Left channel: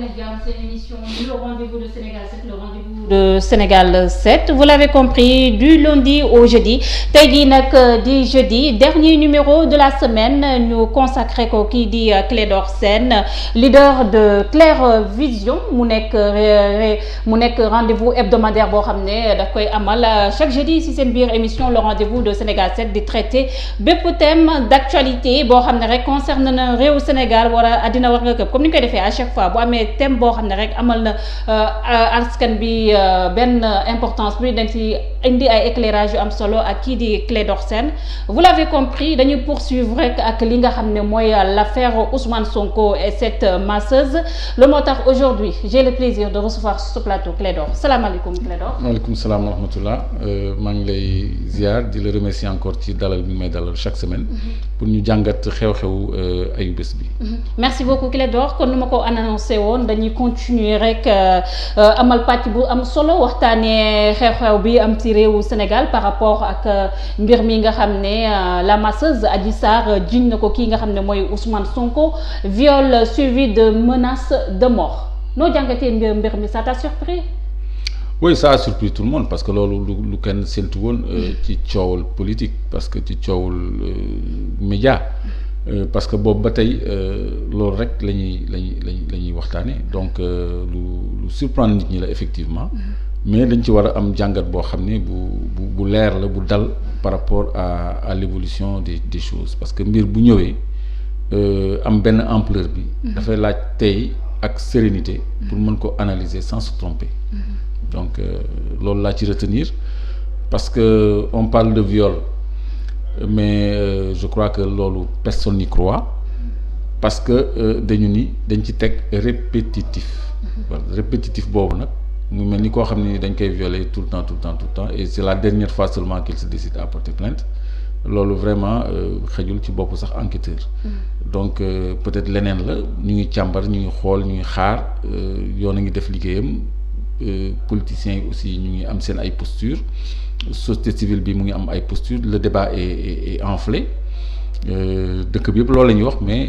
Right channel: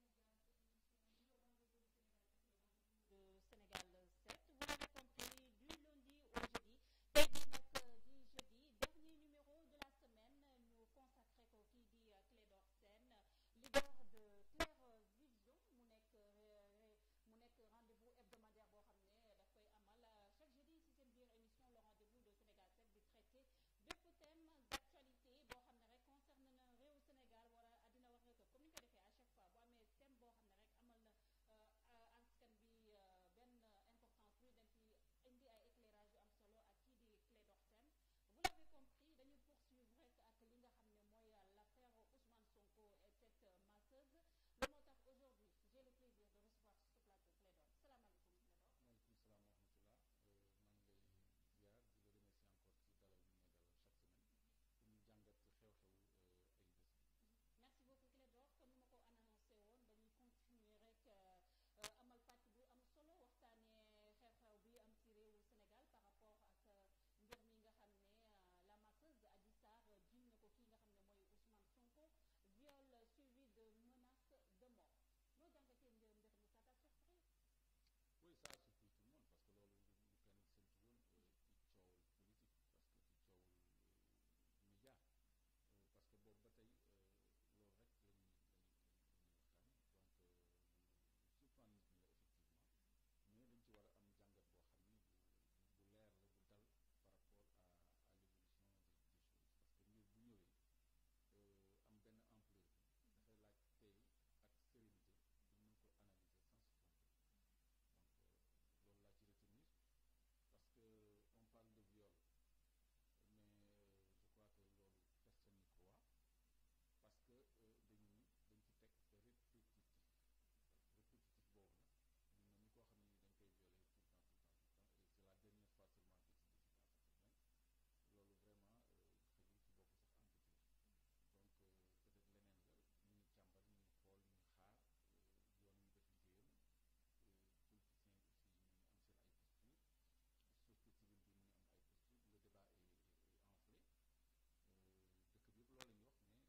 C'est une émission le rendez-vous de Sénégal 7, le rendez-vous de Sénégal 7. Vous l'avez compris, du lundi au jeudi. Tey jii nag di jeudi, dernier numéro de la semaine, ñu consacré ko kii di Clédor Sène, leader de Clair Vision, mu nekk rendez-vous hebdomadaire boo xam ne daf koy amal chaque jeudi ci seen biir émission le rendez-vous de Sénégal 7 di traiter bépp thème d'actualité boo xam ne rek concerne na réew Sénégal wala àddina war nga këpp comme ni ñu koy defee à chaque fois bu amee thème boo xam ne rek amal na askan bi benn importance bi dañ ci indi ay éclairage yu am solo ak kii di Clédor Sène. Vous l'avez compris, dañuy poursuivre rek ak li nga xam ne mooy l'affaire Ousmane Sonko et cette masseuse. Le moo tax aujourd'hui j'ai le plaisir de recevoir sur ce plateau Clédor. Salaamaaleykum Clédor. Waaleykum salaam wa rahmatullah. Maa ngi lay ziar di la remercier encore ci dalal bi may dalal chaque semaine. pour ñu jàngat xew-xew ayu bés bi. Merci beaucoup Clédor. kon nu ma ko annoncé woon dañuy continuer rek amal pàcc bu am solo waxtaanee xew-xew bi am ci réewu Sénégal par rapport ak mbir mi nga xam ne la masseuse Adji Sarr jiñ na ko kii nga xam ne mooy Ousmane Sonko, viol suivi de menaces de mort. noo jàngatee mbir mi, ça t'a surpris? Oui, ça a surpris tout le monde parce que loolu lu kenn séntu woon ci coowul politique, parce que ci coowul média, parce que boobu ba tey loolu rek la ñuy waxtaane. Donc lu surprendre nit ñi la effectivement, mais dañ ci war a am jàngat boo xam ne bu leer la, bu dal par rapport à l'évolution des choses, parce que mbir bu ñëwee am benn ampleur bi dafay laaj tey ak sérénité pour mën ko analyser sans se tromper. Donc loolu laa ci retenir, parce que on parle de viol, mais je crois que loolu personne n'y croit, parce que dañ ci teg répétitif. Voilà, répétitif boobu nag mu mel ni koo xam ne dañ koy violer tout le temps et c'est la dernière fois seulement qu'il se décide à porter plainte. Loolu vraiment xëjul ci bopp sax enquêteur. Donc peut-être leneen la, ñu ngi càmbar, ñu ngi xool, ñu ngi xaar, yoon a ngi def liggéeyam. Politiciens yi aussi ñu ngi am seen ay postures, société civile bi mu ngi am ay postures, le débat est enflé, dëkk bi yëpp loolu la ñuy wax, mais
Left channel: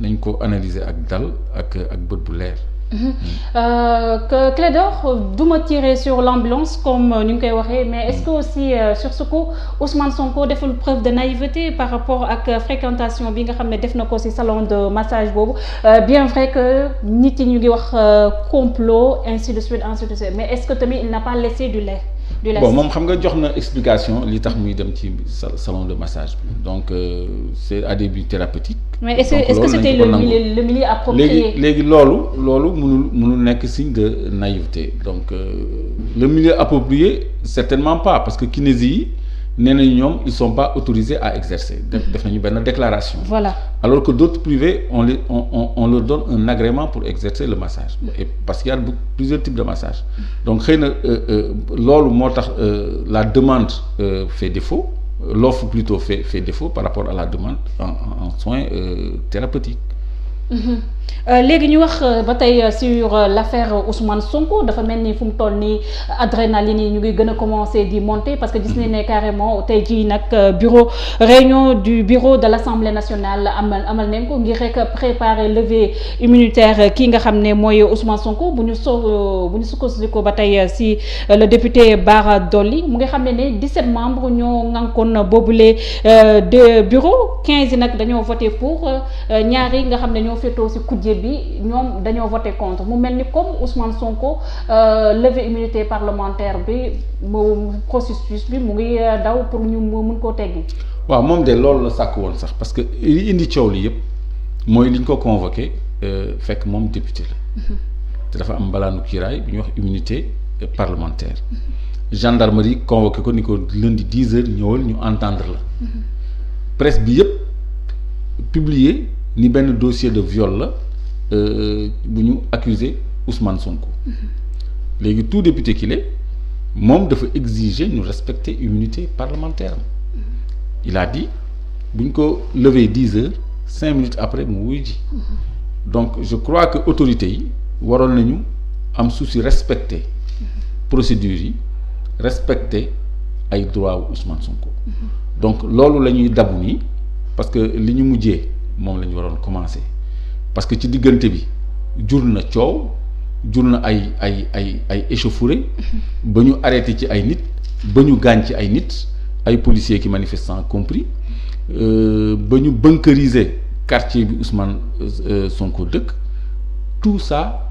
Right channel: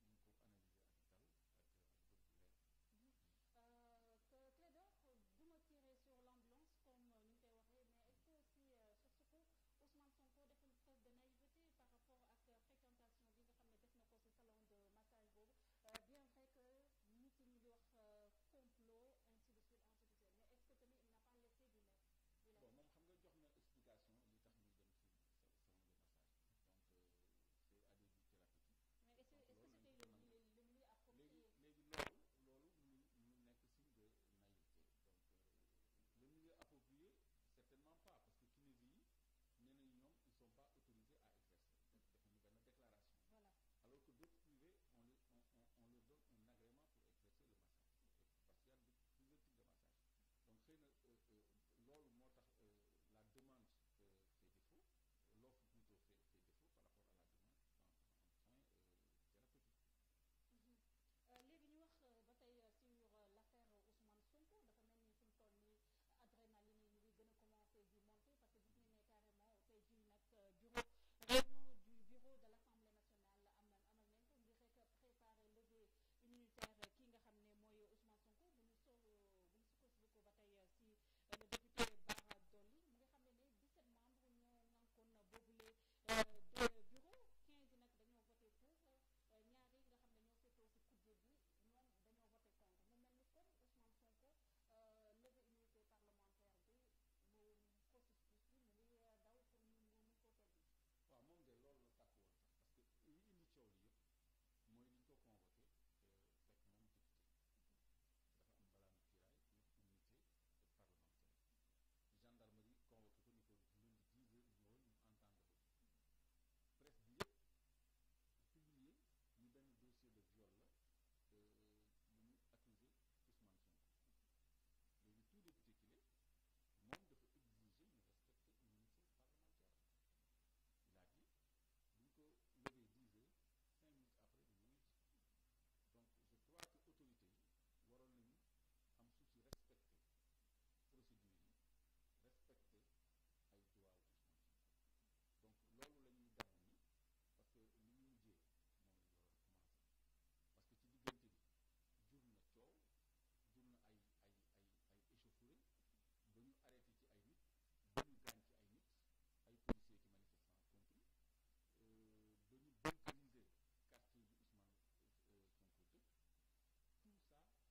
nañ ko analyser ak dal ak bët bu leer. Que Clédor du ma tirer sur l'ambulance comme ni ñu koy waxee, mais est-ce que aussi sur ce coup Ousmane Sonko deful preuve de naïveté par rapport ak fréquentation bi nga xam ne def na ko ci salon de massage boobu, bien vrai que nit yi ñu ngi wax complot ainsi de suite, mais est-ce que tamit il n'a pas laissé du lait? Bon, moom xam nga jox na explication li tax muy dem ci salon de massage bi, donc c'est à des buts thérapeutiques. Mais est-ce que c'était le milieu approprié? léegi loolu mënul nekk signe de naïveté. Donc le milieu approprié certainement pas, parce que kinésie yi nee nañu ñoom ils sont pas autorisés à exercer. def nañu benn déclaration. Voilà. Alors que d'autres privés on leur donne un agrément pour exercer le massage, et parce qu'il y a plusieurs types de massage. Donc xëy na loolu moo tax la demande fait défaut, l'offre plutôt fait défaut par rapport à la demande en soins thérapeutiques. léegi ñu wax ba tey sur l'affaire Ousmane Sonko, dafa mel ni fu mu toll nii adrénaline yi ñu ngi gën a commencer di monter, parce que gis nañ ne carrément tey jii nag réunion du bureau de l'Assemblée nationale amal nañ ko ngir rek préparer levée immunitaire kii nga xam ne mooy Ousmane Sonko. bu ñu sukkandiku ba tey si le député Bara Dolly mu nga xam ne 17 membres ñoo ngànkoon boobule de bureau, 15 yi nag dañoo voté pour, ñaari nga xam ne ñoo féetoo si kujje bi ñoom dañoo voté contre. mu mel ni comme Ousmane Sonko levée immunité parlementaire bi mu processus bi mu ngi daw pour ñu mun koo teggi. waaw moom de loolu la sàkk woon sax, parce que li indi coow li yëpp mooy li ñu ko convoqué fekk moom député la. te dafa am mbalaanu kiiraay bi ñuy wax immunité parlementaire. Gendarmerie convoqué ko ni ko lundi 10h ñëwal ñu entendre la. Presse bi yëpp publier ni benn dossier de viol la bu ñu accusé Ousmane Sonko. léegi tout député qu'il est moom dafa exiger ñu respecter immunité parlementaire. Il a dit bu ñu ko lever 10h 5 minutes après mu wuy ji. Donc je crois que autorités yi waroon nañu am souci respecter procédures yi, respecter ay droits wu Ousmane Sonko. Donc loolu la ñuy dabu nii, parce que li ñu mujjee moom la ñu waroon commencer, parce que ci diggante bi jur na coow jur na ay échauffourées ba ñu arrêté ci ay nit ba ñu gaañ ci ay nit ay policiers ki manifestants compris ba ñu bunkériser quartier bi Ousmane Sonko dëkk tout ça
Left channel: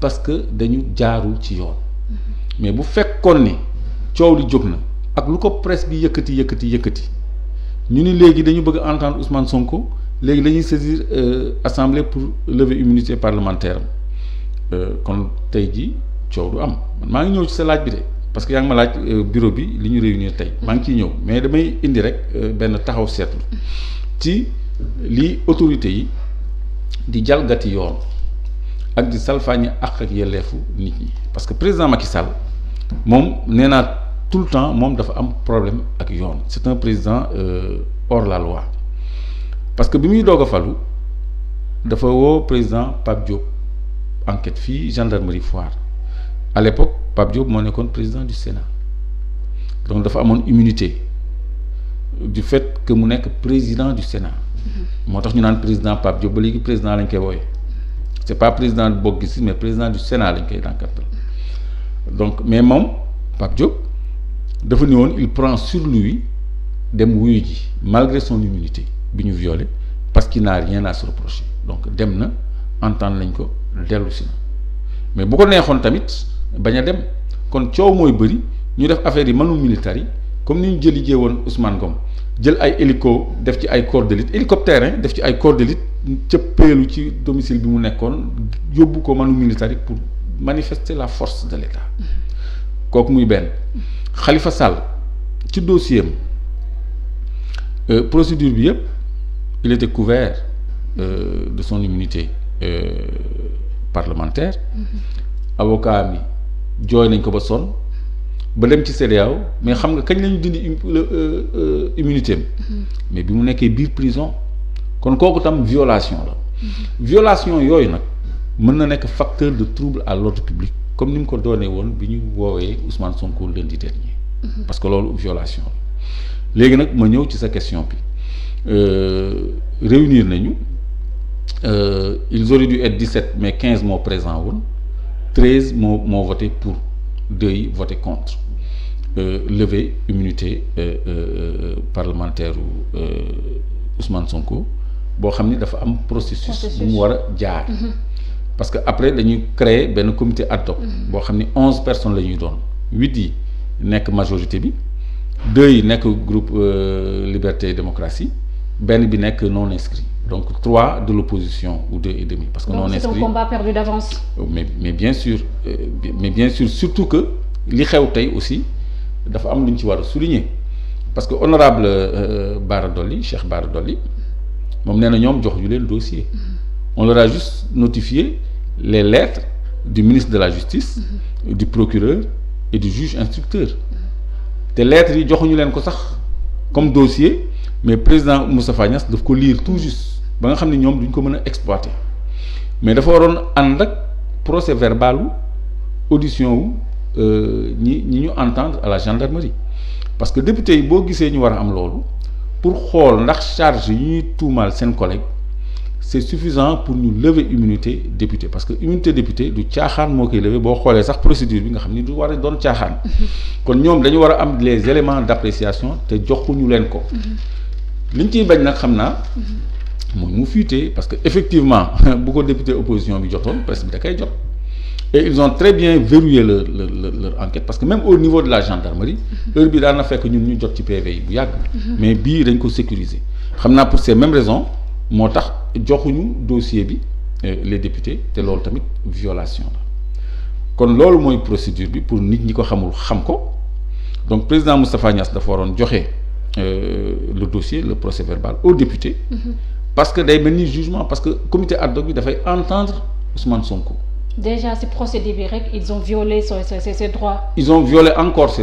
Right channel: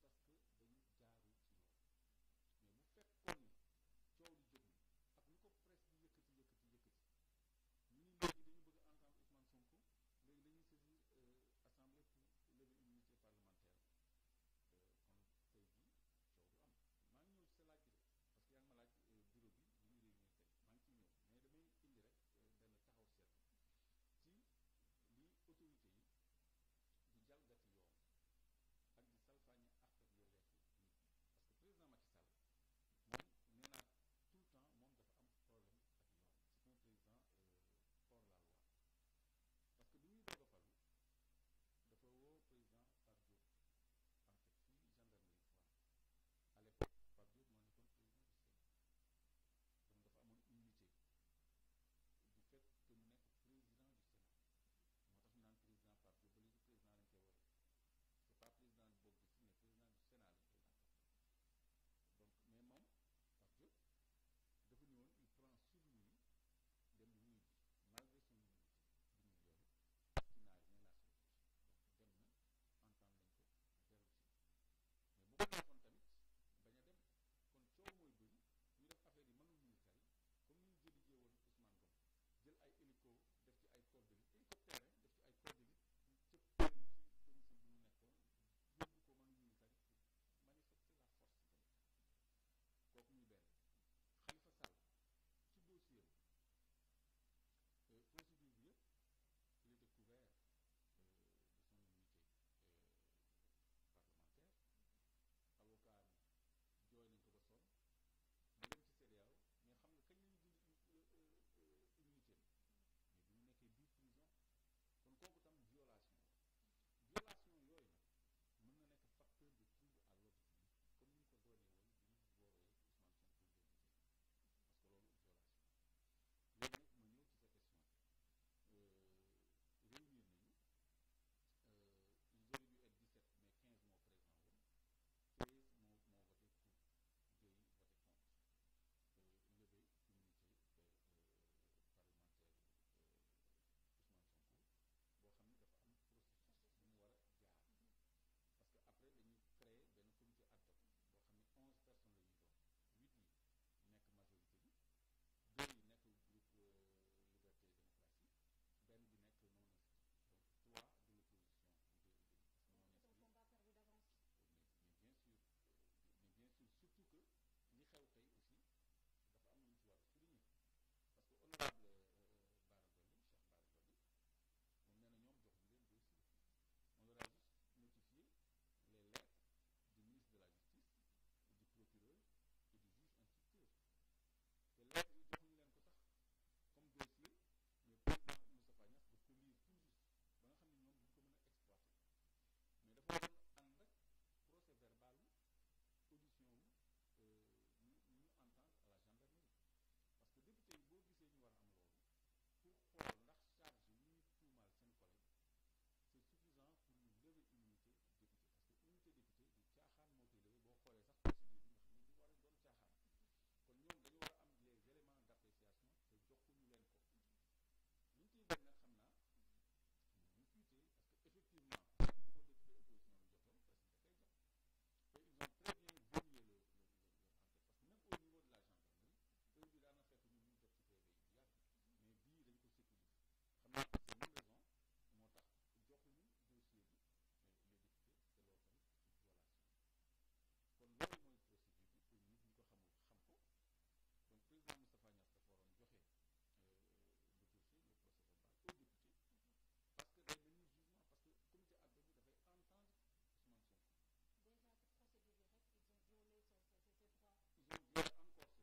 parce que dañu jaarul ci yoon mais bu fekkoon ni coow li jóg na ak lu ko presse bi yëkkati ñu ni léegi dañu bëgg entendre Ousmane Sonko léegi dañuy saisir assemblée pour lever immunité parlementaire kon tey jii coow du am man maa ngi ñëw ci sa laaj bi de parce que yaa ngi ma laaj bureau bi li ñu réunir tey maa ngi ciy ñëw mais damay indi rek benn taxaw seetlu ci li autorités yi di jalgati yoon ak di salfaañi àq ak yelleefu nit ñi parce que président Macky Sall moom nee naa tout le temps moom dafa am problème ak yoon c'est un président hors la loi parce que bi muy doog a falu dafa woo président Pape Diop enquête fii gendarmerie Foire à l'époque Pape Diop moo nekkoon président du Sénat donc dafa amoon immunité du fait que mu nekk président du Sénat moo tax ñu naan président Pape Diop ba léegi président lañ koy wooye c'est pas président du Bokk Gis mais président du Sénat lañ koy dànkatal donc mais moom Pape Diop dafa ni woon il prend sur lui dem wuyu ji malgré son immunité bi ñu violé parce qu'il n'a rien à se reprocher donc dem na entendre nañ ko dellu si na mais bu ko neexoon tamit bañ a dem kon coow mooy bëri ñu def affaire yi manu militaire yi comme ni ñu jëlijee woon Ousmane Ngom jël ay hélico def ci ay corps d'élite hélicoptère def ci ay corps d'élite cëppeelu ci domicile bi mu nekkoon yóbbu ko manu militaire yi pour manifester la force de l'État kooku muy benn Khalifa Sall ci dossier am procédure bi yëpp il était couvert de son immunité parlementaire avocat mi jooy nañ ko ba sonn ba dem ci CEDEAO mais xam nga kañ lañu dindi immunité am mais bi mu nekkee biir prison kon kooku tam violation la violation yooyu nag mën na nekk facteur de trouble à l'ordre public comme ni mu ko doonee woon bi ñu woowee Ousmane Sonko lundi dernier parce que loolu violation la léegi nag ma ñëw ci sa question bi réunir nañu ils auraient dû être 17 mais 15 moo présent woon 13 moo voté pour 2 yi voté contre lever immunité parlementaire Ousmane Sonko boo xam ni dafa am processus bu mu war a jaar parce que après dañuy créer benn comité ad hoc boo xam ni 11 personnes la ñuy doon 8 yi nekk majorité bi 2 yi nekk groupe Liberté et Démocratie benn bi nekk non inscrit donc 3 de l'opposition ou 2 et demi parce que non inscrit c'est un combat perdu d'avance. mais bien sûr surtout que li xew tey aussi dafa am lu ñu ci war a souligner parce que honorable Bara Dolly Cheikh Bara Dolly moom nee na ñoom jox ñu leen dossier on leur a juste notifié les lettres du ministre de la Justice du procureur et du juge instructeur te lettres yi joxuñu leen ko sax comme dossier mais président Moustapha Niasse daf ko lire tout juste ba nga xam ne ñoom duñ ko mën a exploiter mais dafa waroon ànd ak procès verbalu audition wu ñi ñu entendre à la gendarmerie parce que député yi boo gisee ñu war a am loolu pour xool ndax charge yi ñuy tuumaal seen collègue c'est suffisant pour ñu lever immunité député parce que immunité député du caaxaan moo koy lever boo xoolee sax procédure bi nga xam ni du war a doon caaxaan kon ñoom dañu war a am les éléments d'appréciation te joxuñu leen ko liñ ciy bañ nag xam naa mooy mu fuité parce que effectivement bu ko député opposition bi jotoon presse bi da koy jot et ils ont très bien verrouillé leur enquête parce que même au niveau de la gendarmerie heure bi daan na fekk ñun ñu jot ci PV yi bu yàgg mais bii dañ ko sécuriser xam naa pour ces mêmes raisons moo tax joxuñu dossier bi les députés te loolu tamit violation la kon loolu mooy procédure bi pour nit ñi ko xamul xam ko donc président Moustapha Niasse dafa waroon joxe le dossier le procès verbal aux députés parce que day mel ni jugement parce que comité ad hoc bi dafay entendre Ousmane Sonko. Déjà ci procédé bi rek ils ont violé ses droits. Ils ont violé encore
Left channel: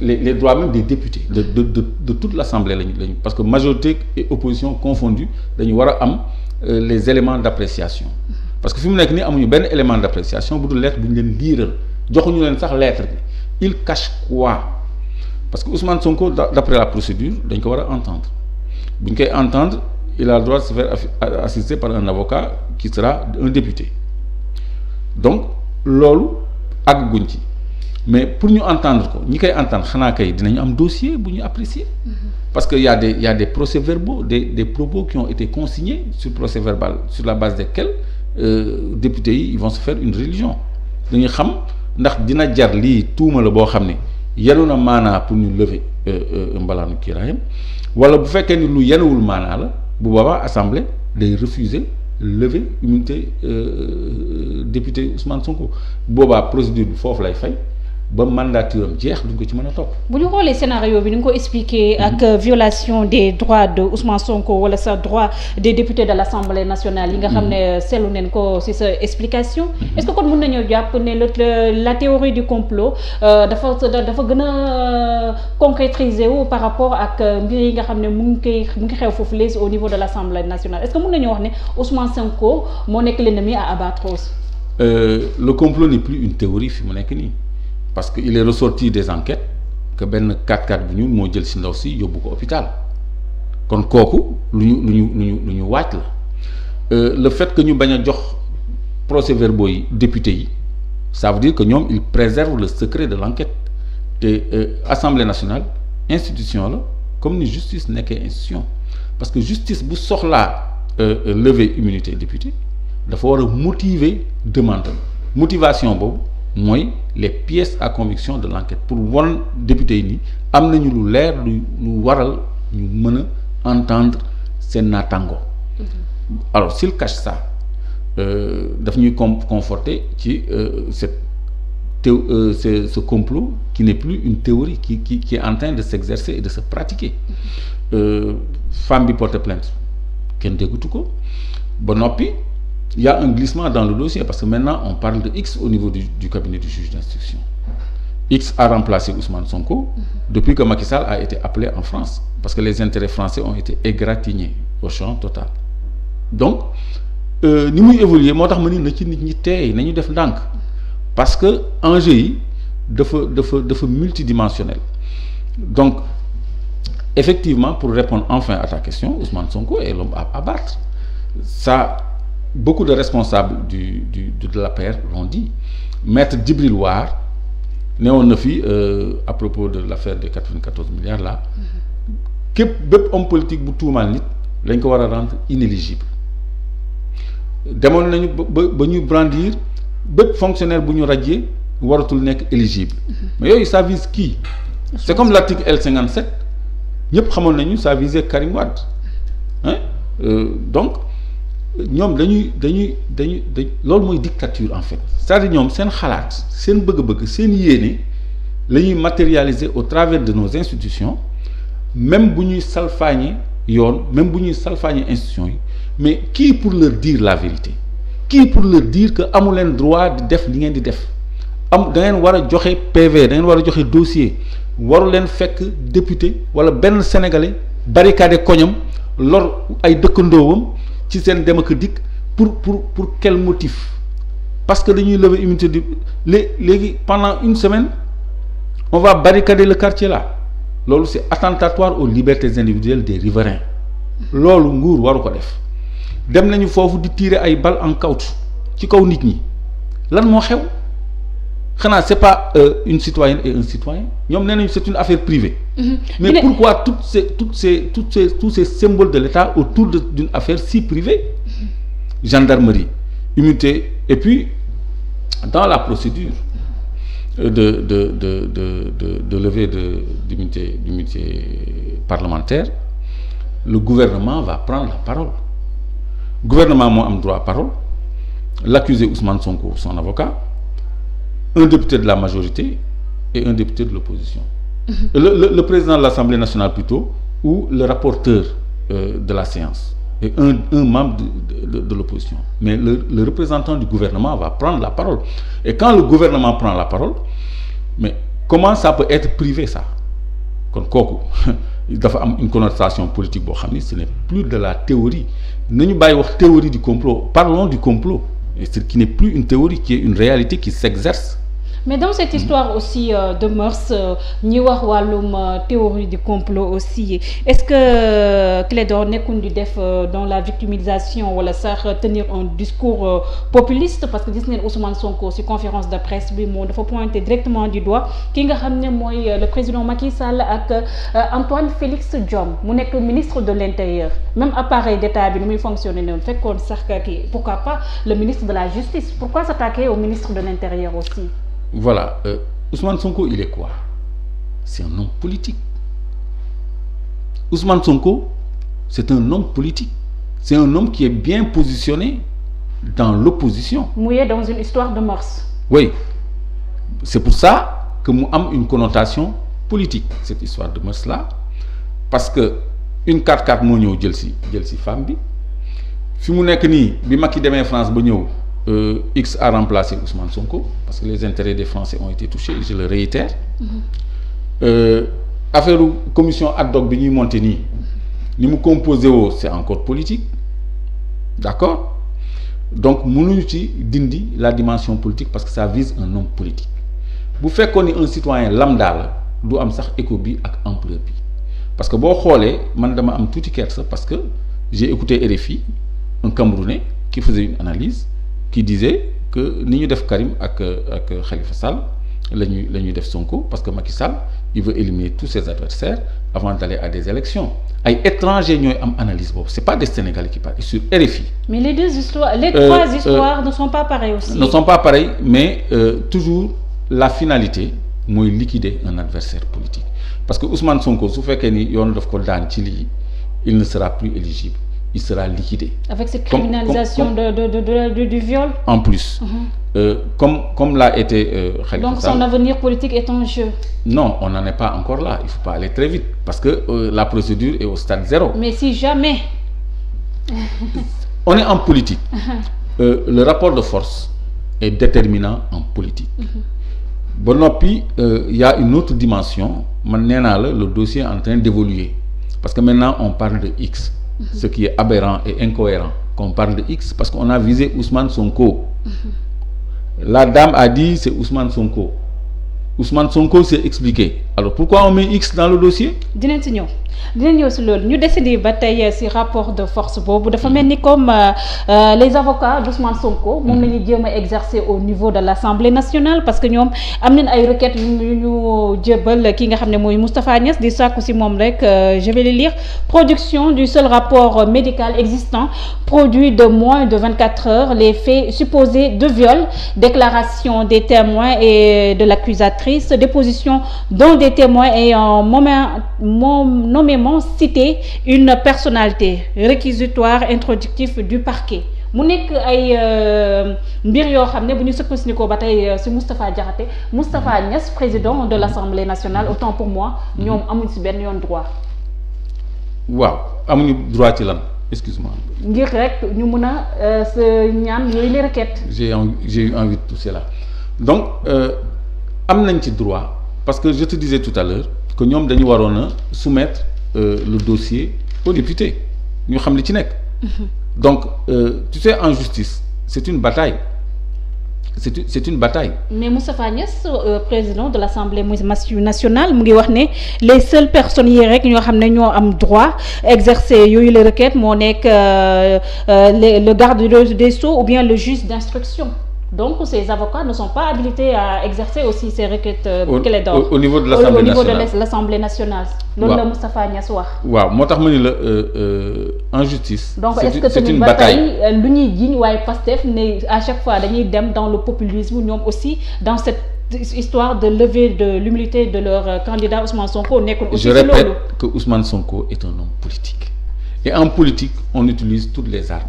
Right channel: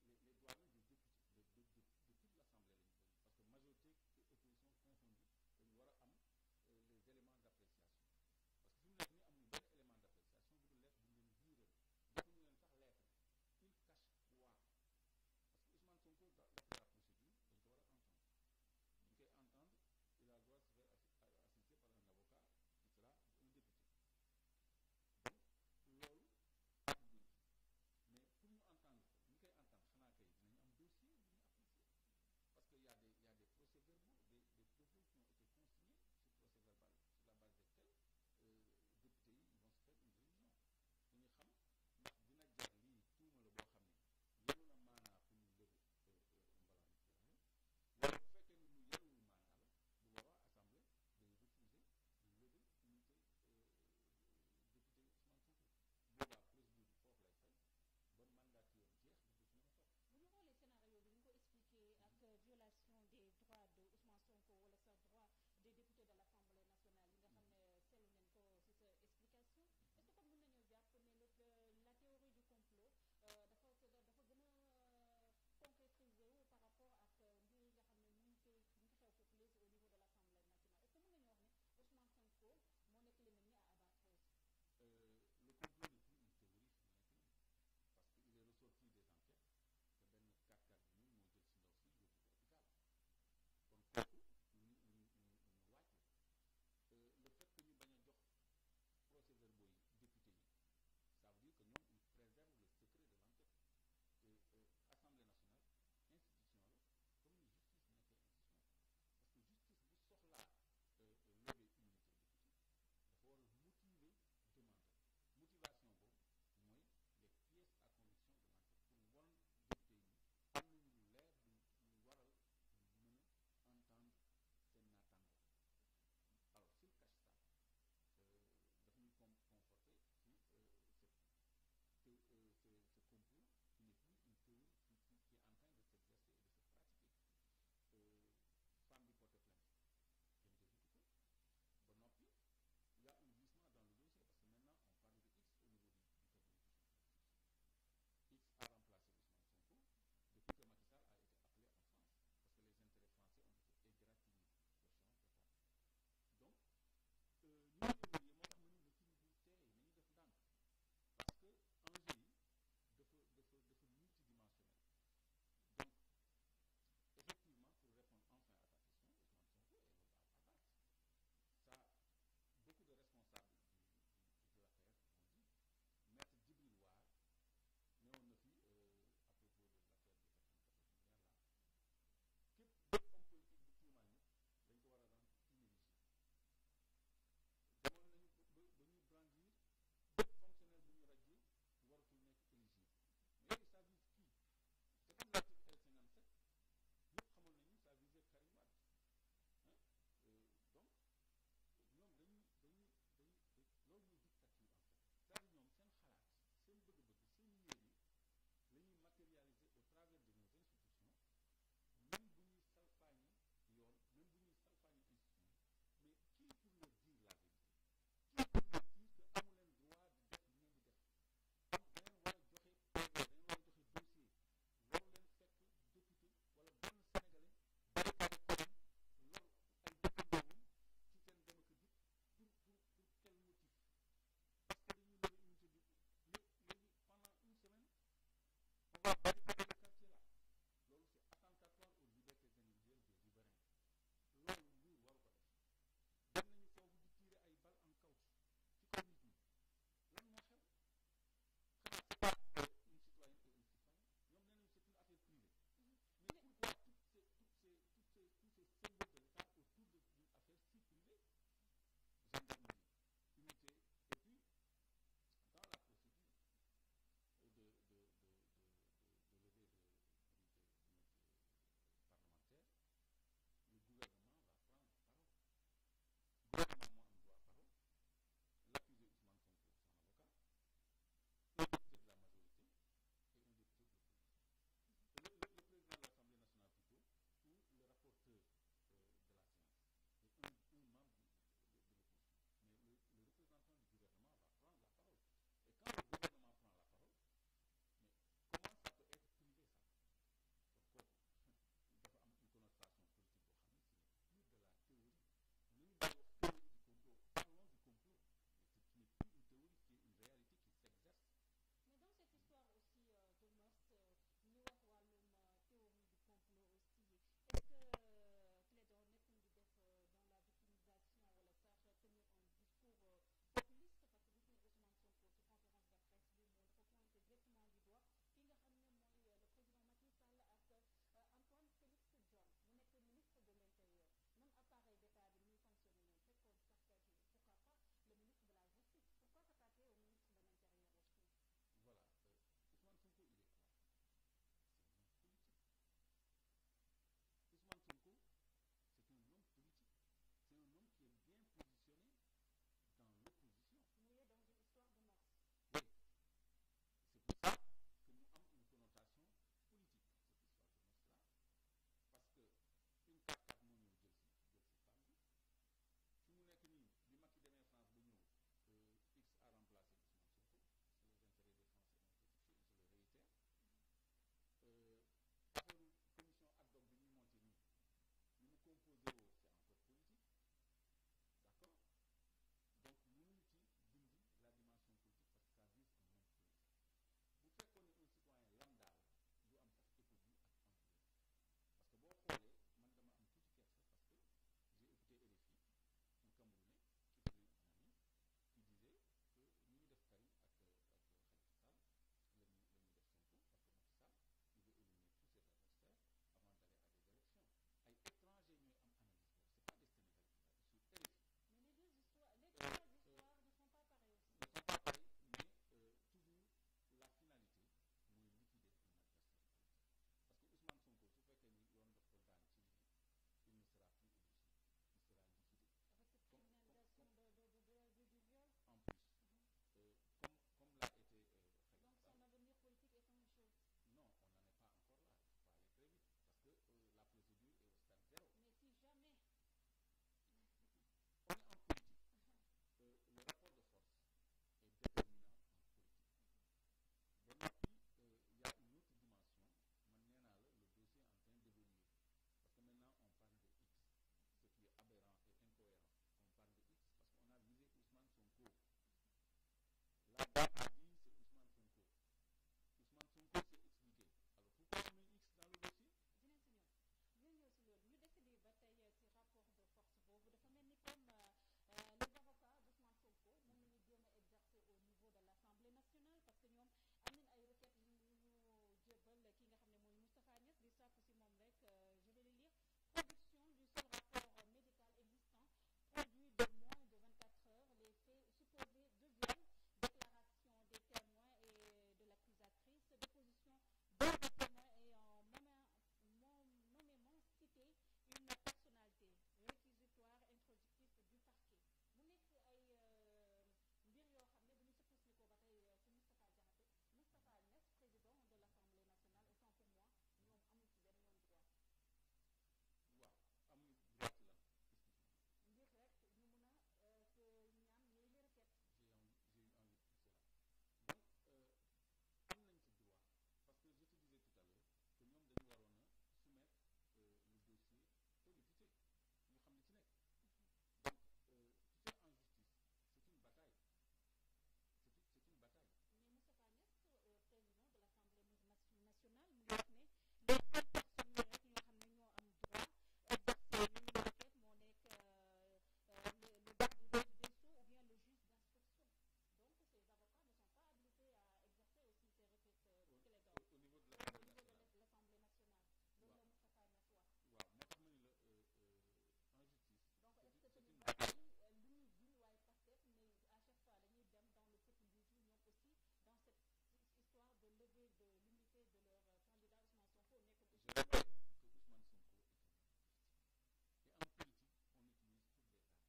les droits même des députés de toute l'assemblée lañu parce que majorité et opposition confondues dañu war a am les éléments d'appréciation parce que fi mu nekk nii amuñu benn élément d'appréciation bu dul lettre bu ñu leen liiral joxuñu leen sax lettre bi il cache quoi parce que Ousmane Sonko d'après la procédure dañ ko war a entendre bu ñu koy entendre il a le droit de se faire assister par un avocat qui sera un député donc loolu àgguñ ci mais pour ñu entendre ko ñi koy entendre xanaa kay dinañu am dossier bu ñu apprécier parce que y a des procès-verbaux des propos qui ont été consignés sur procès-verbal sur la base desquels députés yi ils vont se faire une religion dañuy xam ndax dina jar lii tuuma la boo xam ne yenu na maanaa pour ñu lever mbalaanu kiiraayam wala bu fekkee ni lu yenuwul maanaa la bu boobaa assemblée day refuser lever immunité député Ousmane Sonko boobaa procédure bi foofu lay fay ba mandature am jeex duñ ko ci mën a topp. bu ñu xoolee scénario bi ni nga ko expliqué ak violation des droits de Ousmane Sonko wala sa droit des députés de l'Assemblée nationale yi nga xam ne seetlu neen ko ci sa explication. Est-ce que kon mën nañoo jàpp ne la théorie du complot dafa gën a concrétiser wu par rapport ak mbir yi nga xam ne mu ngi xew foofu les au niveau de l'Assemblée nationale est-ce que mën nañoo wax ne Ousmane Sonko moo nekk l'ennemi à abattre aussi. Le complot n'est plus une théorie fi mu nekk nii. Parce que il est ressorti des enquêtes que benn 4x4 bu ñuul moo jël ci ndaw si yóbbu ko hôpital kon kooku lu ñu waaj la le fait que ñu bañ a jox procès-verbaux yi député yi ça veut dire que ñoom ils préservent le secret de l'enquête te Assemblée nationale institution la comme ni justice nekkee institution parce que justice bu soxlaa lever immunité député dafa war a motiver demande motivation boobu mooy les pièces à conviction de l'enquête pour won député yi ni am nañu lu leer lu waral ñu mën a entendre seen naataango alors s'il cache ça daf ñuy conforter ci ce complot qui n'est plus une théorie qui est en train de s'exercer et de se pratiquer femme bi porte plainte kenn déggutu ko ba noppi il y a un glissement dans le dossier parce que maintenant on parle de X au niveau du cabinet du juge d'instruction. X a remplacé Ousmane Sonko depuis que Macky Sall a été appelé en France parce que les intérêts français ont été égratignés au champ total. Donc ni muy évoluer moo tax ma ni na ci nit ñi teey nañu def ndànk parce que enjeu yi dafa multidimensionnel. Donc effectivement pour répondre enfin à ta question Ousmane Sonko est l'homme à abattre. Ça beaucoup de responsables de l'APR l'ont dit maître Djibril War newoon na fi à propos de l'affaire des 94 milliards là bépp homme politique bu tuumaal nit dañ ko war a rendre inéligible demoon nañu ba ñu brandir bépp fonctionnaire bu ñu radier waratul nekk éligible mais yooyu ça vise qui c'est comme l'article L57 ñëpp xamoon nañu ça visait Karim Wade hein donc ñoom dañuy loolu mooy dictature en fait c'est-à-dire ñoom seen xalaat seen bëgg-bëgg seen yéene la ñuy matérialiser au travers de nos institutions même bu ñuy salfaañe yoon même bu ñuy salfaañe institutions yi mais qui pour leur dire la vérité qui pour leur dire que amu leen droit di def li ngeen di def da ngeen war a joxe PV da ngeen war a joxe dossier waru leen fekk député wala benn sénégalais barricade koñam lor ay dëkkandoowam ci seen dem ak dikk pour quel motif parce que dañuy lever immunité de léegi pendant une semaine on va barricader le quartier là loolu c'est attentatoire aux libertés individuelles des riverains loolu nguur waru ko def dem nañu foofu di tirer ay balles en caoutchouc ci kaw nit ñi lan moo xew xanaa c'est pas une citoyenne et un citoyen ñoom nee nañu c'est une affaire privée. Mais pourquoi tous ces symboles de l'État autour d'une affaire si privée? Gendarmerie, immunité, et puis dans la procédure de levée d'immunité parlementaire, le gouvernement va prendre la parole. Le gouvernement moo am droit à parole, l'accusé Ousmane Sonko, son avocat, un député de la majorité et un député de l'opposition. Le président de l'Assemblée nationale plutôt, ou le rapporteur de la séance, et un membre de l'opposition. Mais le représentant du gouvernement va prendre la parole. Et quand le gouvernement prend la parole, mais comment ça peut être privé ça? Kon kooku dafa am une connotation politique boo xam ni ce n'est plus de la théorie. Nañu bàyyi wax théorie du complot, parlons du complot. Et ce qui n'est plus une théorie, qui est une réalité qui s'exerce. mais dans cette histoire aussi de mœurs ñi wax wàllum théorie du complot aussi est-ce que Clédor nekkul di def dans la victimisation wala sax tenir un discours populiste parce que gis neen Ousmane Sonko ci conférence de presse bi moom dafa pointer directement du doigt ki nga xam ne mooy le président Macky Sall ak Antoine Félix Diome mu nekk ministre de l'intérieur même appareil d'État bi nu muy fonctionner noonu fekkoon sax kii pourquoi pas le ministre de la justice pourquoi s'attaquer au ministre de l'intérieur aussi. Voilà Ousmane Sonko il est quoi? C'est un homme politique. Ousmane Sonko c'est un homme politique. C'est un homme qui est bien positionné dans l'opposition. Mouillé dans une histoire de mœurs. Oui, c'est pour ça que mu am une connotation politique cette histoire de mœurs là parce que une 4x4 moo ñëw jël si femme bi fi mu nekk nii bi Macky demee France ba ñëw X a remplacé Ousmane Sonko parce que les intérêts des Français ont été touchés je le réitère. Affaire commission ad hoc bi ñuy monter nii ni mu composé woo c'est encore politique d'accord donc mënuñu ci dindi la dimension politique parce que ça vise un homme politique bu fekkoon ni un citoyen lambda la du am sax écho bi ak ampleur bi parce que boo xoolee man dama am tuuti kersa parce que j'ai écouté RFI un Camerounais qui faisait une analyse qui disait que ni ñu def Karim ak Khalifa Sall la ñuy def Sonko parce que Macky Sall il veut éliminer tous ses adversaires avant d'aller à des élections ay étrangers ñooy am analyse boobu c'est pas des Sénégalais qui parlent sur RFI. Mais les trois histoires ne sont pas pareilles aussi. Ne sont pas pareilles mais toujours la finalité mooy liquider un adversaire politique parce que Ousmane Sonko su fekkee ni yoon daf ko daan ci lii il ne sera plus éligible il sera liquidé. Avec cette criminalisation du viol. En plus. Comme l'a été Khalifa Donc son avenir politique est en jeu. Non, on n'en est pas encore là. Il ne faut pas aller très vite parce que la procédure est au stade 0. Mais si jamais. On est en politique. Le rapport de force est déterminant en politique. Ba noppi y a une autre dimension man nee naa la le dossier est en train d'évoluer parce que maintenant on parle de X. Ce qui est aberrant et incohérent qu'on parle de X parce qu'on a visé Ousmane Sonko. La dame a dit c'est Ousmane Sonko. Ousmane Sonko s'est expliqué. Alors pourquoi on met X dans le dossier? dinañ ñëw si loolu ñu décidé ba tey si rapport de force boobu dafa mel ni comme les avocats d'Ousmane Sonko moom la ñuy jéem a exercer au niveau de l'Assemblée nationale parce que ñoom am nañ ay requêtes yu ñu jébal ki nga xam ne mooy Moustapha Niasse di sàkku si moom rek je vais le lire production du seul rapport médical existant produit de moins de 24 heures les faits supposés de viol déclaration des témoins et de l'accusatrice déposition dont des témoins ayant nommément cité une personnalité réquisitoire introductif du parquet mu nekk ay mbir yoo xam ne bu ñu sukkandikoo ba tey ci Moustapha Niasse président de l'Assemblée nationale autant pour moi ñoom amuñ ci benn yoon droit. waaw amuñu droit ci lan excuse-moi. ngir rek ñu mën a sa ñaan yooyu les requêtes. j'ai eu envie de pousser là donc am nañ ci droit parce que je te disais tout à l'heure que ñoom dañu waroon a soumettre le dossier aux députés ñu xam li ci nekk. Donc tu sais en justice c'est une bataille c'est une bataille. Mais Moustapha Niasse président de l'Assemblée nationale mu ngi wax ne les seules personnes yi rek ñoo xam ne ñoo am droit exercer yooyu les requêtes moo nekk le garde des Sceaux ou bien le juge d'instruction. Donc ces avocats ne sont pas habilités à exercer aussi ces requêtes Clédor au niveau de l'Assemblée nationale. Loolu la Moustapha Niasse wax. waaw moo tax ma ni la en justice. Donc est-ce que c'est une bataille lu ñuy jiiñ waaye Pastef ne à chaque fois dañuy dem dans le populisme ñoom aussi dans cette histoire de lever de l'immunité de leur candidat Ousmane Sonko nekkul aussi. Je répète que Ousmane Sonko est un homme politique et en politique on utilise toutes les armes